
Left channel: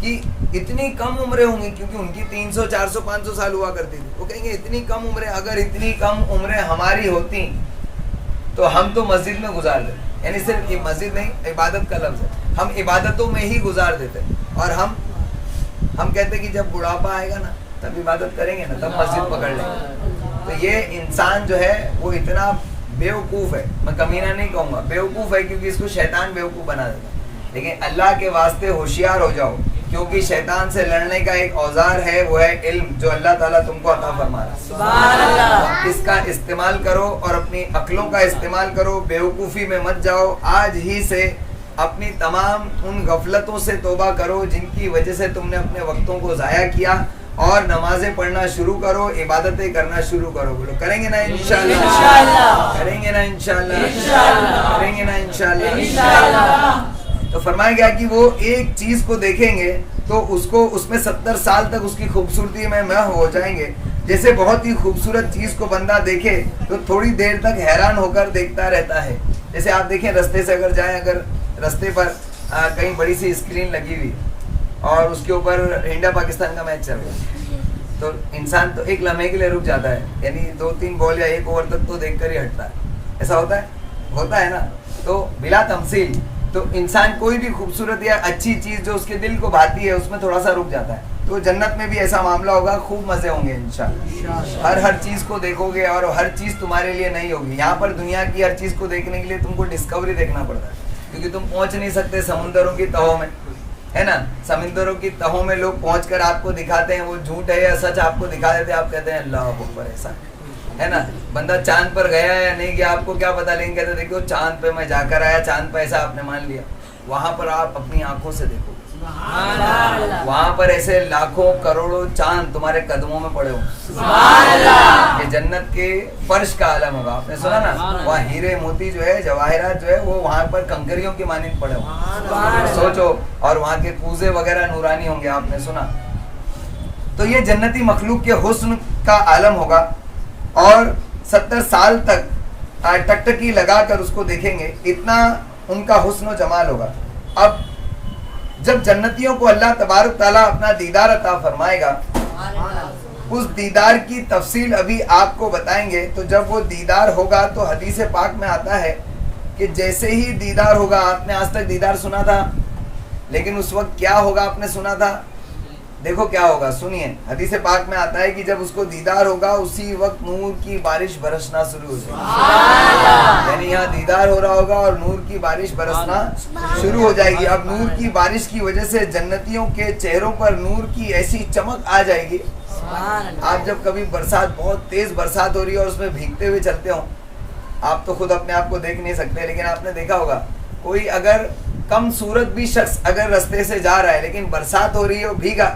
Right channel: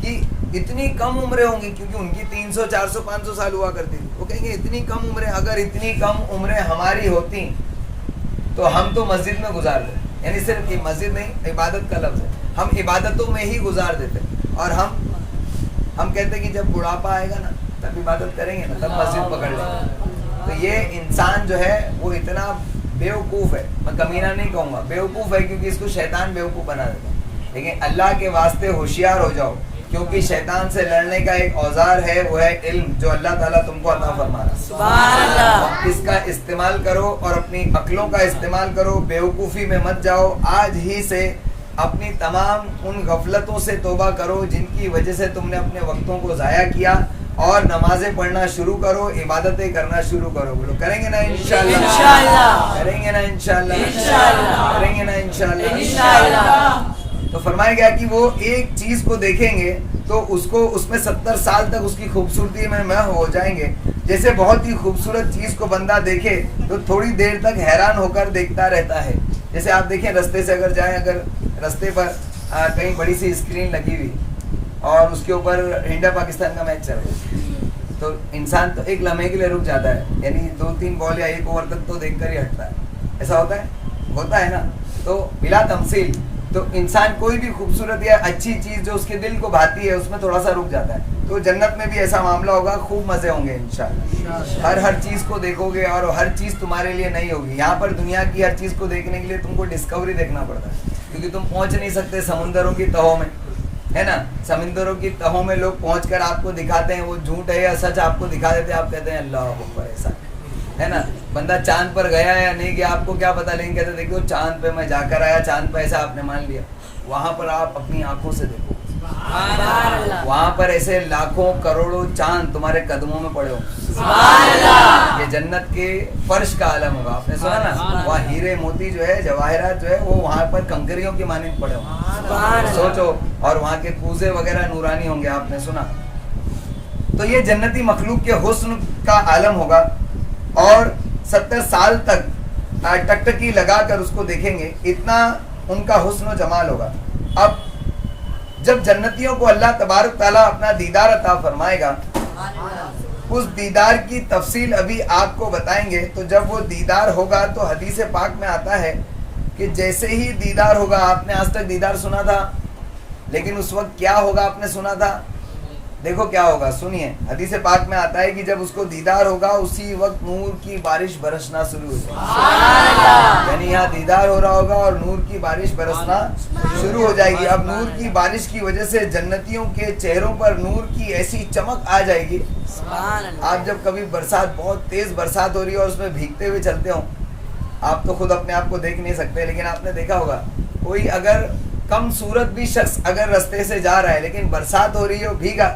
کہ اتنی کم عمریں ہوں گی, کیونکہ ان کی 300 400 500 سال ہوا کرتی تھی. وہ کہیں گے اتنی کم عمریں, اگر اتنی کم عمریں ہماری ہوتی تو ہم تو مسجد میں گزار دیتے. یعنی صرف یہ مسجد نہیں, عبادت کا لفظ ہے, ہم عبادتوں میں ہی گزار دیتے. اور ہم کہتے کہ جب بڑھاپا آئے گا نا تب عبادت کریں گے نا, تب مسجد پکڑ لیں گے. تو یہ انسان جو ہے وہ اتنا بیوقوف ہے, میں کمینہ نہیں کہوں گا, بیوقوف ہے, کیونکہ اس کو شیطان بیوقوف بنا دیتا. لیکن اللہ کے واسطے ہوشیار ہو جاؤ, کیونکہ شیطان سے لڑنے کا ایک اوزار ہے, وہ ہے علم, جو اللہ تعالیٰ تم کو عطا فرما رہا ہے. اس کا استعمال کرو اور اپنی عقلوں کا استعمال کرو, بیوقوفی میں مت جاؤ. آج ہی سے اپنی تمام ان غفلتوں سے توبہ کرو جن کی وجہ سے تم نے اپنے وقتوں کو ضائع کیا, اور نمازیں پڑھنا شروع کرو, عبادتیں کرنا شروع کرو. بولو کریں گے نا انشاءاللہ, کریں گے نا انشاءاللہ, کریں گے نا انشاءاللہ. تو فرمایا گیا کہ وہ ایک چیز کو دیکھیں گے تو اس میں 70 سال تک اس کی خوبصورتی میں محو ہو جائیں گے. جیسے بہت ہی خوبصورت چیز کو بندہ دیکھے تو تھوڑی دیر تک حیران ہو کر دیکھتا رہتا ہے. جیسے آپ دیکھیں رستے سے اگر جائیں, اگر رستے پر کہیں بڑی سی اسکرین لگی ہوئی اور اس کے اوپر انڈیا پاکستان کا میچ چل رہا ہے, تو انسان تو ایک لمحے کے لیے رک جاتا ہے, یعنی 2-3 بال یا 1 اوور تک تو دیکھ کر ہی ہٹتا ہے. ایسا ہوتا ہے نا. تو بلا تمثیل تو انسان کوئی بھی خوبصورت یا اچھی چیز جو اس کے دل کو بھاتی ہے اس میں تھوڑا سا رک جاتا ہے. تو جنت میں بھی ایسا معاملہ ہوگا, خوب مزے ہوں گے انشاءاللہ. ہر چیز کو دیکھو گے اور ہر چیز تمہارے لیے نہیں ہوگی. یہاں پر دنیا کی ہر چیز کو دیکھنے کے لیے تم کو ڈسکوری دیکھنا پڑتا ہے, کیونکہ تم پہنچ نہیں سکتے سمندروں کی تہوں میں, ہے نا. سمندروں کی تہوں میں لوگ پہنچ کر آپ کو دکھاتے ہیں, وہ جھوٹ ہے یا سچ آپ کو دکھا دیتے ہیں. آپ کہتے ہیں اللہ اکبر, ایسا ہے نا. بندہ چاند پر گیا یا نہیں گیا آپ کو کیا پتا, لیکن کہتے دیکھو چاند پہ میں جا کر آیا, چاند پہ ایسا آپ نے مان لیا. وہاں پر آپ اپنی آنکھوں سے دیکھو, وہاں پر ایسے لاکھوں کروڑوں چاند تمہارے قدموں میں پڑے ہوں. یہ جنت کے فرش کا عالم ہوگا. آپ نے سنا نا, وہاں ہیرے موتی جو ہے, جواہرات جو ہے, وہ وہاں پر کنکریوں کی مانند پڑے ہوں. سوچو. اور وہاں کے کوزے وغیرہ نورانی ہوں گے. آپ نے سنا. تو یہ جنتی مخلوق کے حسن کا عالم ہوگا, اور 70 سال تک ٹکٹکی لگا کر اس کو دیکھیں گے. اتنا ان کا حسن و جمال ہوگا. اب جب جنتیوں کو اللہ تبارک تعالیٰ اپنا دیدار عطا فرمائے گا, اس دیدار کی تفصیل ابھی آپ کو بتائیں گے. تو جب وہ دیدار ہوگا تو حدیث پاک میں آتا ہے کہ جیسے ہی دیدار ہوگا, آپ نے آج تک دیدار سنا تھا, لیکن اس وقت کیا ہوگا آپ نے سنا تھا. دیکھو کیا ہوگا, سنیے. حدیث پاک میں آتا ہے کہ جب اس کو دیدار ہوگا اسی وقت نور کی بارش برسنا شروع ہو جائے گی. یعنی یہاں دیدار ہو رہا ہوگا اور نور کی بارش برسنا شروع ہو جائے گی. اب نور کی بارش کی وجہ سے جنتیوں کے چہروں پر نور کی ایسی چمک آ جائے گی. آپ جب کبھی برسات, بہت تیز برسات ہو رہی ہے اور اس میں بھیگتے ہوئے چلتے ہوں, آپ تو خود اپنے آپ کو دیکھ نہیں سکتے, لیکن آپ نے دیکھا ہوگا کوئی اگر کم صورت بھی شخص اگر رستے سے جا رہا ہے لیکن برسات ہو رہی ہے,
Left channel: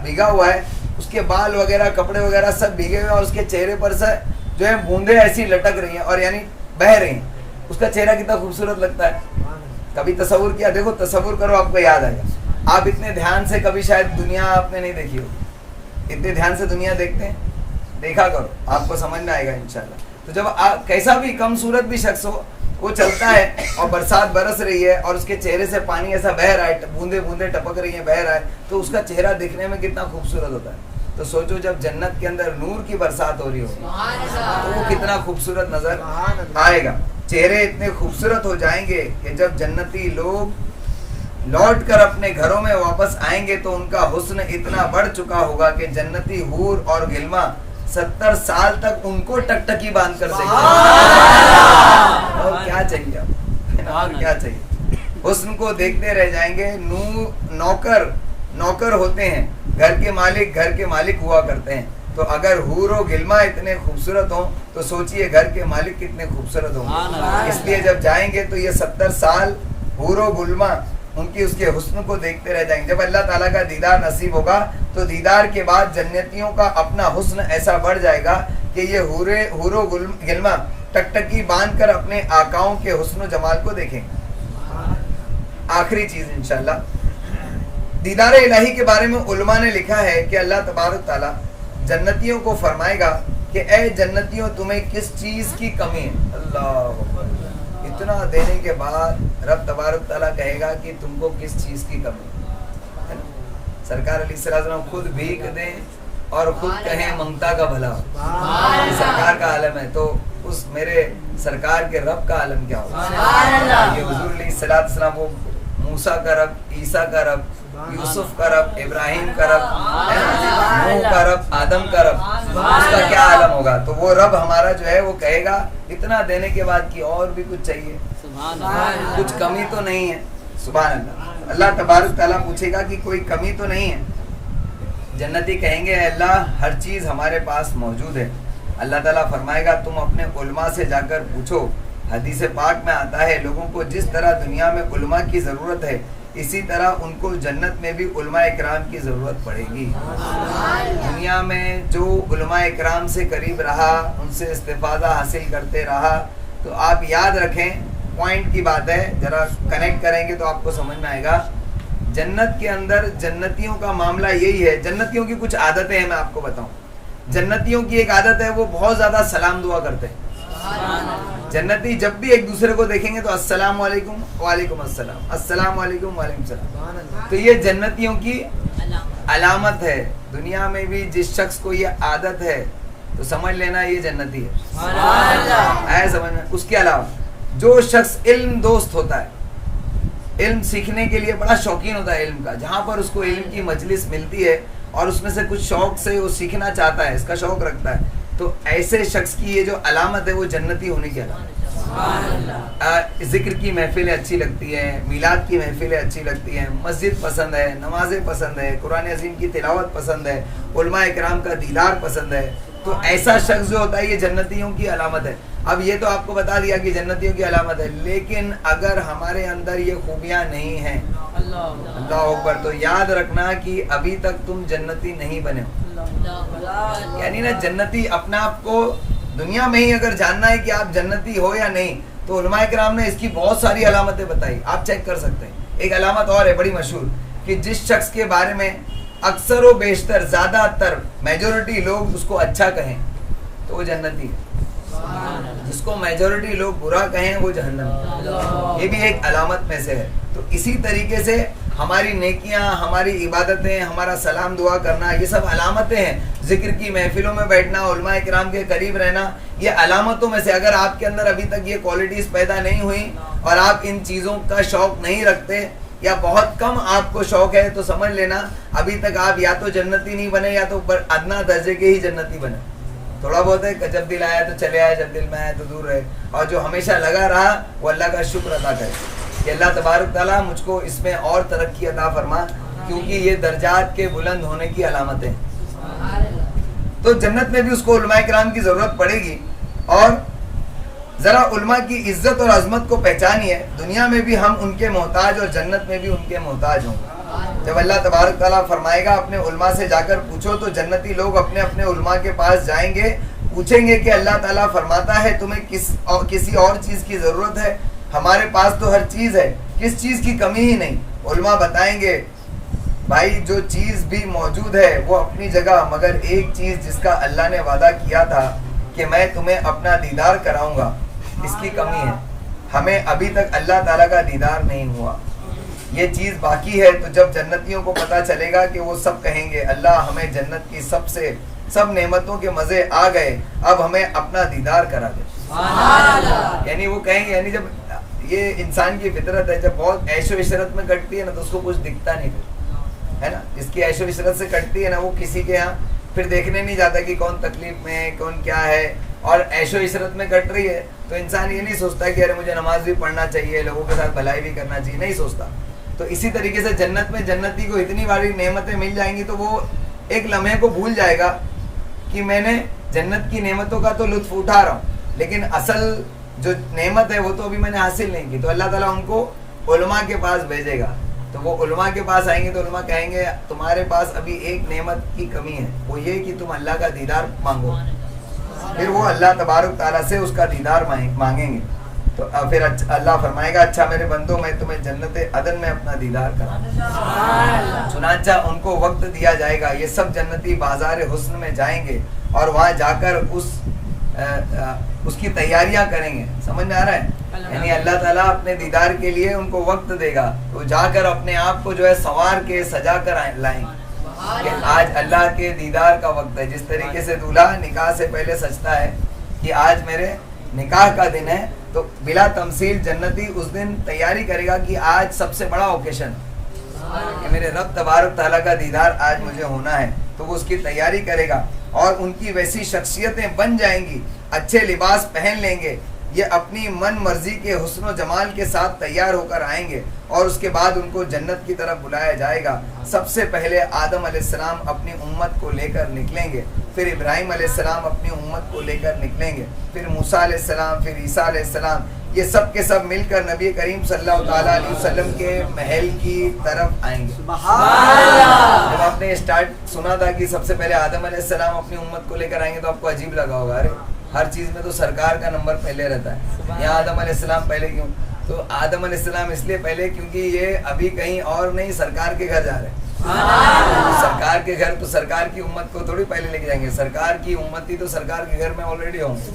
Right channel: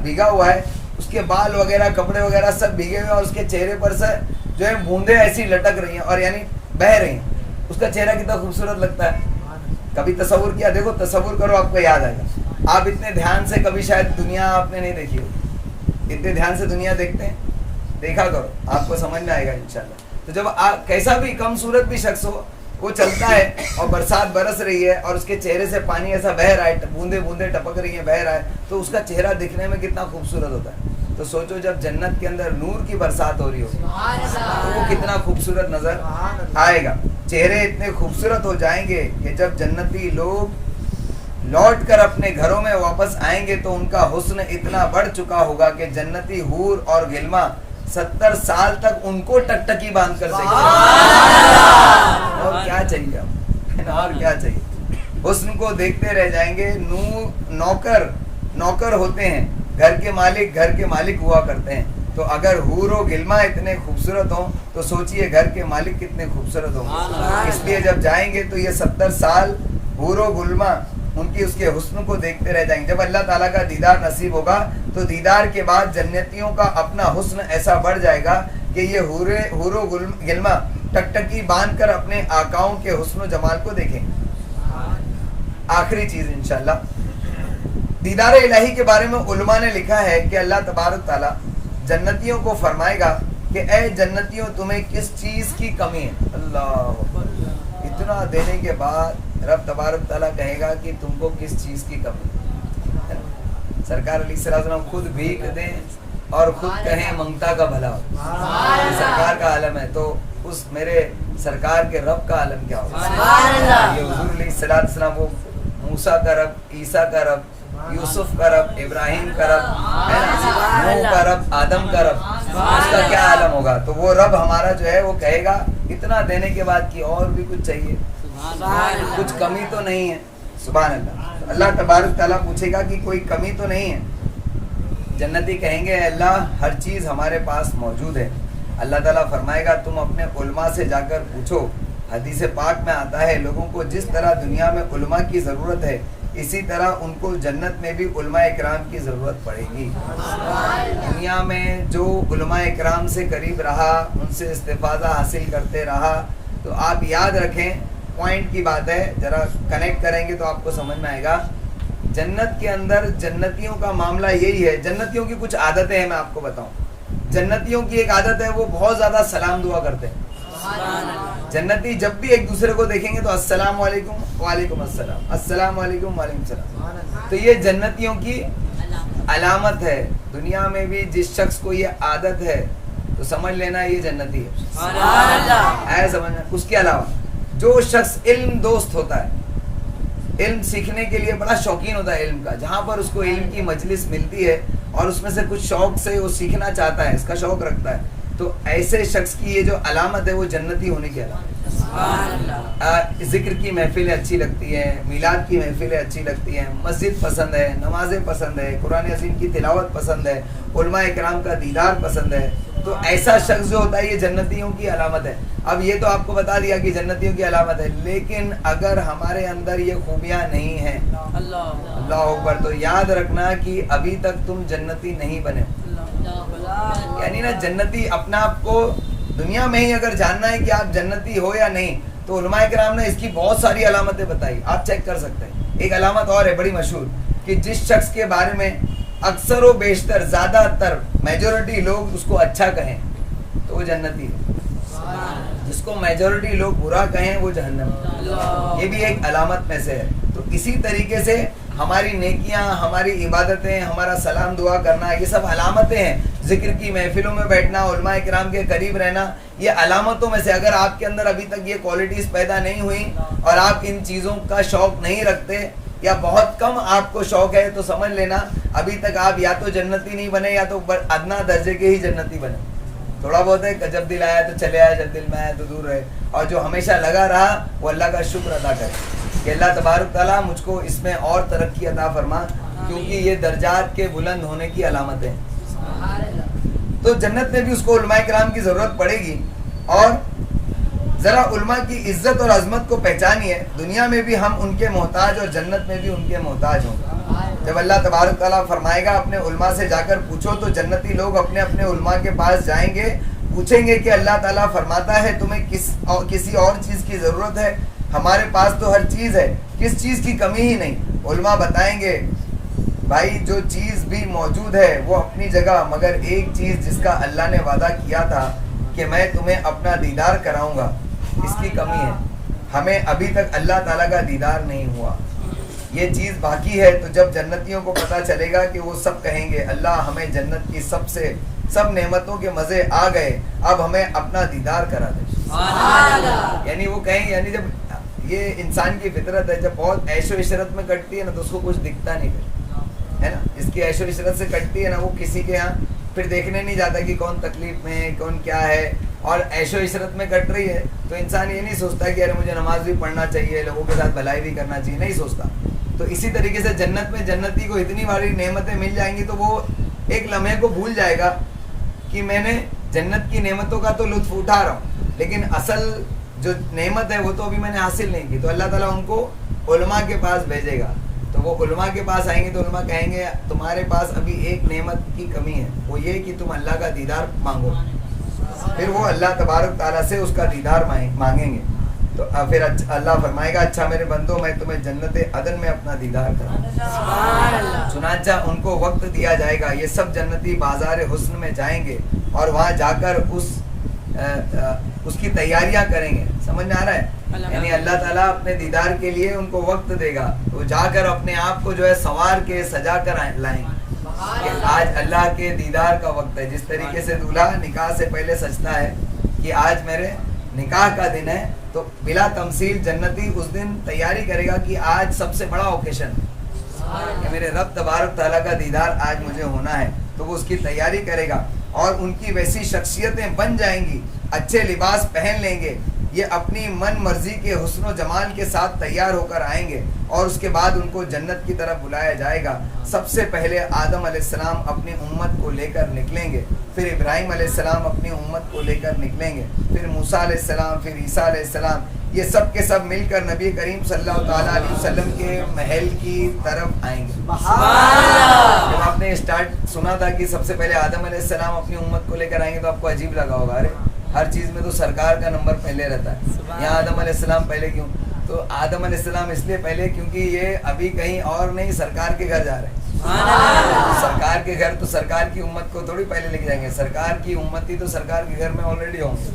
بھیگا ہوا ہے, اس کے بال وغیرہ کپڑے وغیرہ سب بھیگے ہوئے, اور اس کے چہرے پر سے جو ہے بوندیں ایسی لٹک رہی ہیں اور یعنی بہہ رہی ہیں, اس کا چہرہ کتنا خوبصورت لگتا ہے. کبھی تصور کیا؟ دیکھو تصور کرو, آپ کو یاد آئے گا. آپ اتنے دھیان سے کبھی شاید دنیا آپ نے نہیں دیکھی ہو, اتنے دھیان سے دنیا دیکھتے ہیں, دیکھا کرو, آپ کو سمجھ میں آئے گا انشاءاللہ. تو جب آپ کیسا بھی کم صورت بھی شخص ہو, وہ چلتا ہے اور برسات برس رہی ہے اور اس کے چہرے سے پانی ایسا بہہ رہا ہے, بوندے بوندے ٹپک رہی ہیں, بہہ رہا ہے, تو اس کا چہرہ دیکھنے میں کتنا خوبصورت ہوتا ہے. تو سوچو جب جنت کے اندر نور کی برسات ہو رہی ہو تو وہ کتنا خوبصورت نظر آئے گا. چہرے اتنے خوبصورت ہو جائیں گے کہ جب جنتی لوگ لوٹ کر اپنے گھروں میں واپس آئیں گے تو ان کا حسن اتنا بڑھ چکا ہوگا کہ جنتی حور اور غلما 70 سال تک ان کو ٹکٹکی باندھ کر دیکھیں. اور کیا چاہیے اب, اور کیا چاہیے. حسن کو دیکھتے رہ جائیں گے. نوکر ہوتے ہیں, گھر کے مالک ہوا کرتے ہیں. تو اگر حور و غلما اتنے خوبصورت ہوں تو سوچئے گھر کے مالک کتنے خوبصورت ہوں گے. اس لیے جب جائیں گے تو یہ 70 سال حور و غلما ان کی اس کے حسن کو دیکھتے رہ جائیں گے. جب اللہ تعالیٰ کا دیدار نصیب ہوگا تو دیدار کے بعد جنتیوں کا اپنا حسن ایسا بڑھ جائے گا کہ یہ حور و غلما ٹکٹکی باندھ کر اپنے آقاؤں کے حسن و جمال کو دیکھیں. آخری چیز انشاءاللہ, دیدار الہی کے بارے میں علماء نے لکھا ہے کہ اللہ تبارک تعالیٰ جنتیوں کو فرمائے گا کہ اے جنتیوں تمہیں کس چیز کی کمی ہے. اللہ اتنا دینے کے بعد رب تبارک تعالیٰ کہے گا کہ تم کو کس چیز کی کمی ہے. سرکار علیہ السلام خود بھیک دیں اور خود کہیں منگتا کا بھلا ہو. سرکار کا عالم ہے تو اس میرے سرکار کے رب کا عالم کیا ہوگا. یہ حضور علیہ السلام وہ موسیٰ کا رب, عیسیٰ کا رب, یوسف کا رب, ابراہیم کا رب, نوح کا رب, آدم کا رب, اس کا کیا عالم ہوگا. تو وہ رب ہمارا جو ہے وہ کہے گا اتنا دینے کے بعد کہ اور بھی کچھ چاہیے, کچھ کمی تو نہیں ہے. سبحان اللہ. اللہ تبارک تعالیٰ پوچھے گا کہ کوئی کمی تو نہیں ہے. جنتی کہیں گے اللہ ہر چیز ہمارے پاس موجود ہے, اللہ تعالیٰ فرمائے گا تم اپنے علماء سے جا کر پوچھو. حدیث پاک میں آتا ہے لوگوں کو جس طرح دنیا میں علماء کی ضرورت ہے اسی طرح ان کو جنت میں بھی علماء اکرام کی ضرورت پڑے گی. دنیا میں جو علماء اکرام سے قریب رہا, ان سے استفادہ حاصل کرتے رہا, تو آپ یاد رکھیں, پوائنٹ کی بات ہے, ذرا کنیکٹ کریں گے تو آپ کو سمجھ میں آئے گا. جنت کے اندر جنتیوں کا معاملہ یہی ہے. جنتیوں کی کچھ عادتیں ہیں, میں آپ کو بتاؤں. جنتیوں کی ایک عادت ہے, وہ بہت زیادہ سلام دعا کرتے ہیں. جنتی جب بھی ایک دوسرے کو دیکھیں گے تو السلام علیکم وعلیکم السلام, السلام علیکم وعلیکم السلام. تو یہ جنتیوں کی علامت ہے. دنیا میں بھی جس شخص کو یہ عادت ہے تو سمجھ لینا یہ جنتی ہے. آیا سمجھ میں؟ اس کے علاوہ جو شخص علم دوست ہوتا ہے, علم سیکھنے کے لیے بڑا شوقین ہوتا ہے علم کا, جہاں پر اس کو علم کی مجلس ملتی ہے اور اس میں سے کچھ شوق سے وہ سیکھنا چاہتا ہے, اس کا شوق رکھتا ہے, تو ایسے شخص کی یہ جو علامت ہے وہ جنتی ہونے کی علامت. ذکر کی محفلیں اچھی لگتی ہیں, میلاد کی محفلیں اچھی لگتی ہیں, مسجد پسند ہے, نمازیں پسند ہے, قرآن عظیم کی تلاوت پسند ہے, علماء اکرام کا دیدار پسند ہے, تو ایسا شخص جو ہوتا ہے یہ جنتیوں کی علامت ہے. اب یہ تو آپ کو بتا دیا کہ جنتیوں کی علامت ہے, لیکن اگر ہمارے اندر یہ خوبیاں نہیں ہیں, اللہ اکبر, تو یاد رکھنا کہ ابھی تک تم جنتی نہیں بنے ہو. یعنی نا جنتی اپنا آپ کو دنیا میں ہی اگر جاننا ہے کہ آپ جنتی ہو یا نہیں, تو علماء کرام نے اس کی بہت ساری علامتیں بتائی, آپ چیک کر سکتے ہیں. ایک علامت اور ہے بڑی مشہور, کہ جس شخص کے بارے میں اکثر و بیشتر زیادہ تر میجورٹی لوگ اس کو اچھا کہیں تو وہ جنتی ہے, جس کو میجورٹی لوگ برا کہیں وہ جہنم ہے. یہ بھی ایک علامت میں سے ہے. تو اسی طریقے سے ہماری نیکیاں, ہماری عبادتیں, ہمارا سلام دعا کرنا, یہ سب علامتیں ہیں. ذکر کی محفلوں میں بیٹھنا, علماء کرام کے قریب رہنا, یہ علامتوں میں سے. اگر آپ کے اندر ابھی تک یہ کوالٹیز پیدا نہیں ہوئی اور آپ ان چیزوں کا شوق نہیں رکھتے یا بہت کم آپ کو شوق ہے, تو سمجھ لینا ابھی تک آپ یا تو جنتی نہیں بنے یا تو ادنا درجے کے ہی جنتی بنے. تھوڑا بہت ہے کہ جب دل آیا تو چلے آئے, جب دل میں آیا تو دور رہے, اور جو ہمیشہ لگا رہا وہ اللہ کا شکر ادا کرے کہ اللہ تبارک تعالیٰ مجھ کو اس میں اور ترقی عطا فرما, کیونکہ یہ درجات کے بلند ہونے کی علامتیں ہیں. تو جنت میں بھی اس کو علماء کرام کی ضرورت پڑے گی. اور ذرا علماء کی عزت اور عظمت کو پہچانیے. دنیا میں بھی ہم ان کے محتاج اور جنت میں بھی ان کے محتاج ہوں گے. جب اللہ تبارک تعالیٰ فرمائے گا اپنے علماء سے جا کر پوچھو, تو جنتی لوگ اپنے اپنے علماء کے پاس جائیں گے, پوچھیں گے کہ اللہ تعالیٰ فرماتا ہے تمہیں کسی اور چیز کی ضرورت ہے؟ ہمارے پاس تو ہر چیز ہے, کس چیز کی کمی ہی نہیں. علماء بتائیں گے بھائی جو چیز بھی موجود ہے وہ اپنی جگہ, مگر ایک چیز جس کا اللہ نے وعدہ کیا تھا کہ میں تمہیں اپنا دیدار کراؤں گا, اس کی کمی ہے. ہمیں ابھی تک اللہ تعالیٰ کا دیدار نہیں ہوا, یہ چیز باقی ہے. تو جب جنتیوں کو پتہ چلے گا کہ وہ سب کہیں گے اللہ ہمیں جنت کی سب نعمتوں کے مزے آ گئے, اب ہمیں اپنا دیدار کرا دے. یعنی وہ کہیں گے, یعنی جب یہ انسان کی فطرت ہے, جب بہت عیش و عشرت میں کٹتی ہے نا تو اس کو کچھ دکھتا نہیں پھر, ہے نا. اس کی عیش و عشرت سے کٹتی ہے نا, وہ کسی کے یہاں پھر دیکھنے نہیں جاتا کہ کون تکلیف میں ہے, کون کیا ہے. اور عیش و عشرت میں کٹ رہی ہے تو انسان یہ نہیں سوچتا کہ ارے مجھے نماز بھی پڑھنا چاہیے, لوگوں کے ساتھ بھلائی بھی کرنا چاہیے, نہیں سوچتا. تو اسی طریقے سے جنت میں جنتی کو اتنی باری نعمتیں مل جائیں گی تو وہ ایک لمحے کو بھول جائے گا کہ میں نے جنت کی نعمتوں کا تو لطف اٹھا رہا ہوں, لیکن اصل جو نعمت ہے وہ تو ابھی میں نے حاصل نہیں کی. تو اللہ تعالیٰ ان کو علماء کے پاس بھیجے گا. تو وہ علماء کے پاس آئیں گے تو علماء کہیں گے تمہارے پاس ابھی ایک نعمت کی کمی ہے, وہ یہ کہ تم اللہ کا دیدار مانگو. پھر وہ اللہ تبارک تعالیٰ سے اس کا دیدار مانگیں گے. تو پھر اللہ فرمائے گا اچھا میرے بندوں میں تمہیں جنت عدن میں اپنا دیدار کراؤں. چنانچہ ان کو وقت دیا جائے گا, یہ سب جنتی بازار حسن میں جائیں گے اور وہاں جا کر اس کی تیاریاں کریں گے. سمجھ میں آ رہا ہے؟ یعنی اللہ تعالیٰ اپنے دیدار کے لیے ان کو وقت دے گا, تو جا کر اپنے آپ کو جو ہے سنوار کے سجا کر لائیں گے کہ آج اللہ کے دیدار کا وقت ہے. جس طریقے سے دولہا نکاح سے پہلے سجتا ہے کہ آج میرے نکاح کا دن ہے, تو بلا تمثیل جنتی اس دن تیاری کرے گا کہ آج سب سے بڑا اوکیشن کہ میرے رب تبارک تعالیٰ کا دیدار آج مجھے ہونا ہے. تو وہ اس کی تیاری کرے گا اور ان کی ویسی شخصیتیں بن جائیں گی, اچھے لباس پہن لیں گے, یہ اپنی من مرضی کے حسن و جمال کے ساتھ تیار ہو کر آئیں گے اور اس کے بعد ان کو جنت کی طرف بلایا جائے گا. سب سے پہلے آدم علیہ السلام اپنی امت کو لے کر نکلیں گے, پھر ابراہیم علیہ السلام اپنی امت کو لے کر نکلیں گے، پھر موسیٰ علیہ السلام، پھر عیسیٰ علیہ السلام، یہ سب کے سب مل کر نبی کریم صلی اللہ تعالیٰ علیہ وسلم کے محل کی طرف آئیں گے۔ جب آپ نے اسٹارٹ سنا تھا کہ سب سے پہلے آدم علیہ السلام اپنی امت کو لے کر آئیں گے تو آپ کو عجیب لگا ہوگا، ارے ہر چیز میں تو سرکار کا نمبر پہلے رہتا ہے، یہاں آدم علیہ السلام پہلے کیوں؟ تو آدم علیہ السلام اس لیے پہلے کیونکہ یہ ابھی کہیں اور نہیں، سرکار کے گھر جا رہے ہیں۔ سرکار کے گھر تو سرکار کی امت کو تھوڑی پہلے لے کے جائیں گے، سرکار کی امتی تو سرکار کے گھر میں آلریڈی ہوں گے۔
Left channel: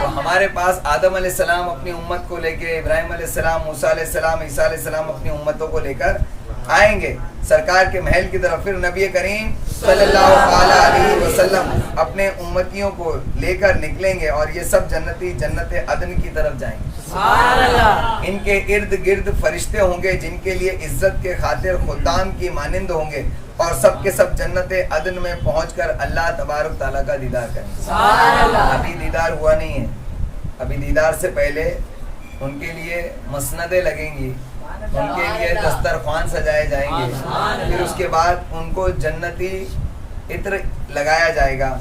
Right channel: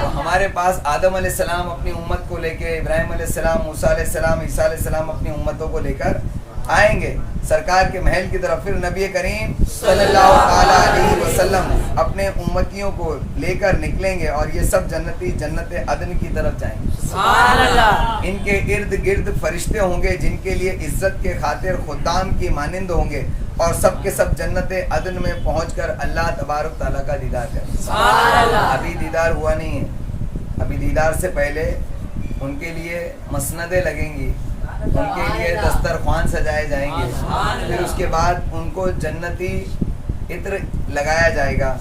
تو ہمارے پاس آدم علیہ السلام اپنی امت کو لے کے، ابراہیم علیہ السلام، موسیٰ علیہ السلام، عیسیٰ علیہ السلام اپنی امتوں کو لے کر آئیں گے سرکار کے محل کی طرف، پھر نبی کریم صلی اللہ تعالیٰ علیہ وسلم اپنے امتیوں کو لے کر نکلیں گے اور یہ سب جنتی جنت عدن کی طرف جائیں گے۔ ان کے ارد گرد فرشتے ہوں گے جن کے لیے عزت کے خاطر خدام کی مانند ہوں گے، اور سب کے سب جنت عدن میں پہنچ کر اللہ تبارک تعالیٰ کا دیدار کریں گے۔ ابھی دیدار ہوا نہیں ہے، ابھی دیدار سے پہلے ان کے لیے مسندیں لگیں گی، ان کے لیے دسترخوان سجائے جائیں گے، پھر اس کے بعد ان کو جنتی عطر لگایا جائے گا،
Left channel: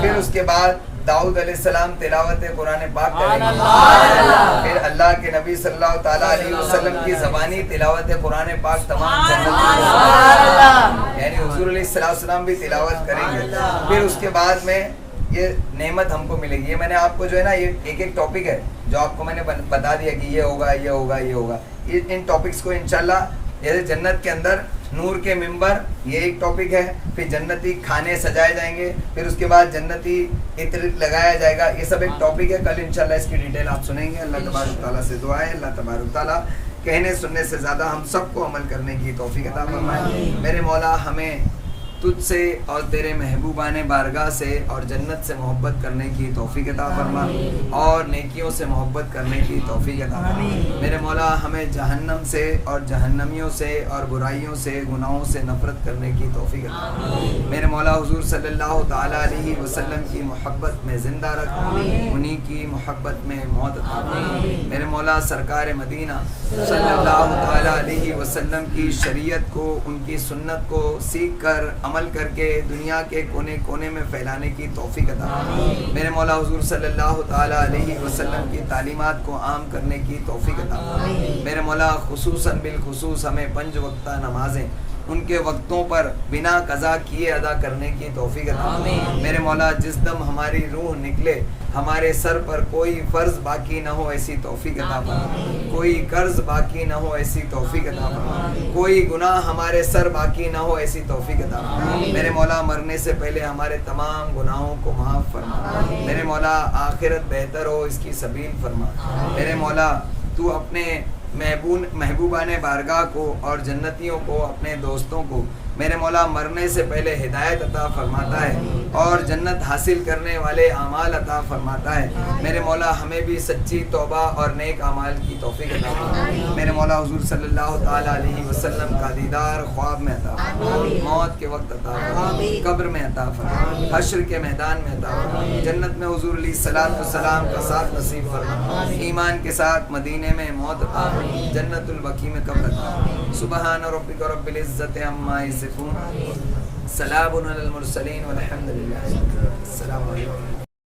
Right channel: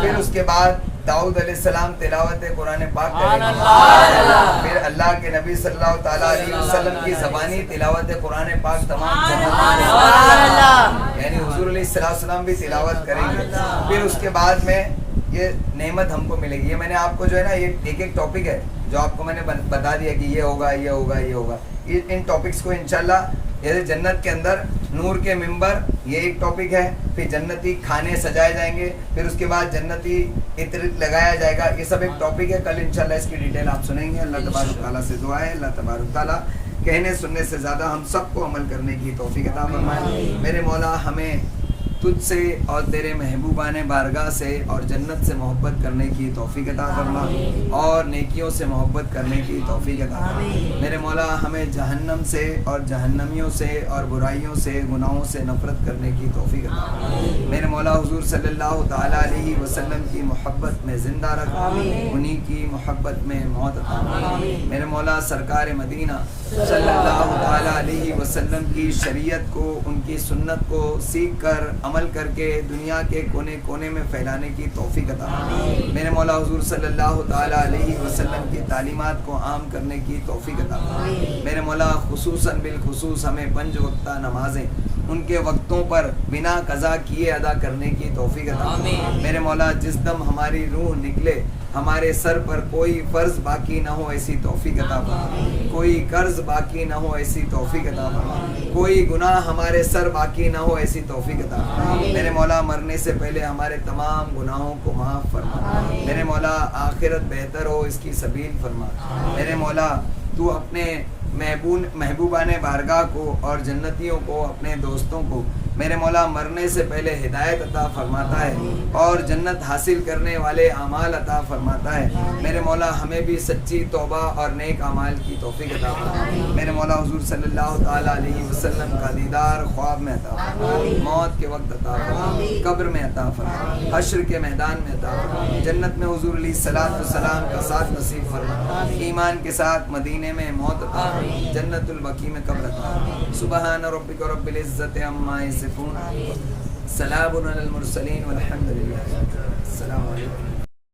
پھر اس کے بعد داؤد علیہ السلام تلاوت قرآن پاک کریں گے، پھر اللہ کے نبی صلی اللہ تعالیٰ علیہ وسلم کی زبانی تلاوت قرآن پاک تمام جنت یعنی حضور علیہ السلام بھی تلاوت کریں گے، پھر اس کے بعد میں یہ نعمت ہم کو ملے گی۔ یہ میں نے آپ کو جو ہے نا یہ ایک ایک ٹاپک ہے جو آپ کو میں نے بتا دیا کہ یہ ہوگا یہ ہوگا یہ ہوگا، ان ٹاپکس کو انشاءاللہ جیسے جنت کے اندر نور کے ممبر یہ ایک ٹاپک ہے، پھر جنتی کھانے سجائے جائیں گے، پھر اس کے بعد جنتی عطر لگایا جائے گا، یہ سب ایک ٹاپک ہے۔ کل انشاءاللہ اس کی ڈیٹیل آپ سنیں گے۔ اللہ تبارک تعالیٰ سے دعا ہے اللہ تبارک تعالیٰ کہنے سننے سے زیادہ ہم سب کو عمل کرنے کی توفیق عطا فرمائے۔ میرے مولا ہمیں تجھ سے اور تیرے محبوبان بارگاہ سے اور جنت سے محبت کرنے کی توفیق عطا فرما، اور نیکیوں سے محبت کرنے کی توفیق عطا فرما۔ میرے مولا ہمیں جہنم سے اور جہنمیوں سے اور برائیوں سے گناہوں سے نفرت کرنے کی توفیق عطا فرما۔ میرے مولا حضور صلی اللہ تعالیٰ علیہ وسلم کی محبت میں زندہ رکھ، انہی کی محبت میں موت عطا فرما۔ میرے مولا سرکار مدینہ صلی اللہ تعالیٰ علیہ وسلم کی شریعت کو، ان کی سنت کو سیکھ کر عمل کر کے دنیا کے کونے کونے میں پھیلانے کی توفیق عطا فرما۔ میرے مولا حضور صلی اللہ تعالیٰ علیہ وسلم کی تعلیمات کو عام کرنے کی توفیق عطا فرما۔ میرے مولا خصوصاً بالخصوص ہمیں 5 وقتہ نمازیں ان کے وقتوں پر بنا قضا کیے ادا کرنے کی توفیق عطا فرما۔ میرے مولا جس دم ہماری روح نکلے ہمارے سر پر کوئی فرض باقی نہ ہو ایسی توفیق عطا فرما، کوئی قرض باقی نہ ہو ایسی توفیق عطا فرما، کوئی گناہ ہمارے سر باقی نہ ہو ایسی توفیق عطا فرما۔ میرے مولا مرنے سے پہلے ہمارے تمام گناہوں کو معاف فرما۔ میرے مولا آخرت بہتر ہو اس کی سبیل فرما۔ میرے مولا تو اپنے محبوبان بارگاہ کو اور جنتیوں کو، اپنے دوستوں کو میرے مولا مرنے سے پہلے ہدایت عطا فرماتا ہے اور جنت حاصل کرنے والے اعمال عطا فرماتا ہے۔ میرے مولا ہمیں بھی سچی توبہ اور نیک اعمال کی توفیق عطا فرما۔ میرے مولا حضور صلی اللہ تعالیٰ علیہ وسلم کا دیدار خواب میں عطا فرما، موت کے وقت عطا فرما، قبر میں عطا فرما، حشر کے میدان میں عطا فرما، جنت میں حضور علیہ الصلوۃ والسلام کا ساتھ نصیب فرما، ایمان کے ساتھ مدینے میں موت عطا فرما، جنت البقیع میں قبر عطا فرما۔ سبحان ربک رب العزت عما یصفون، سلام علی المرسلین والحمد للہ۔ السلام علیکم۔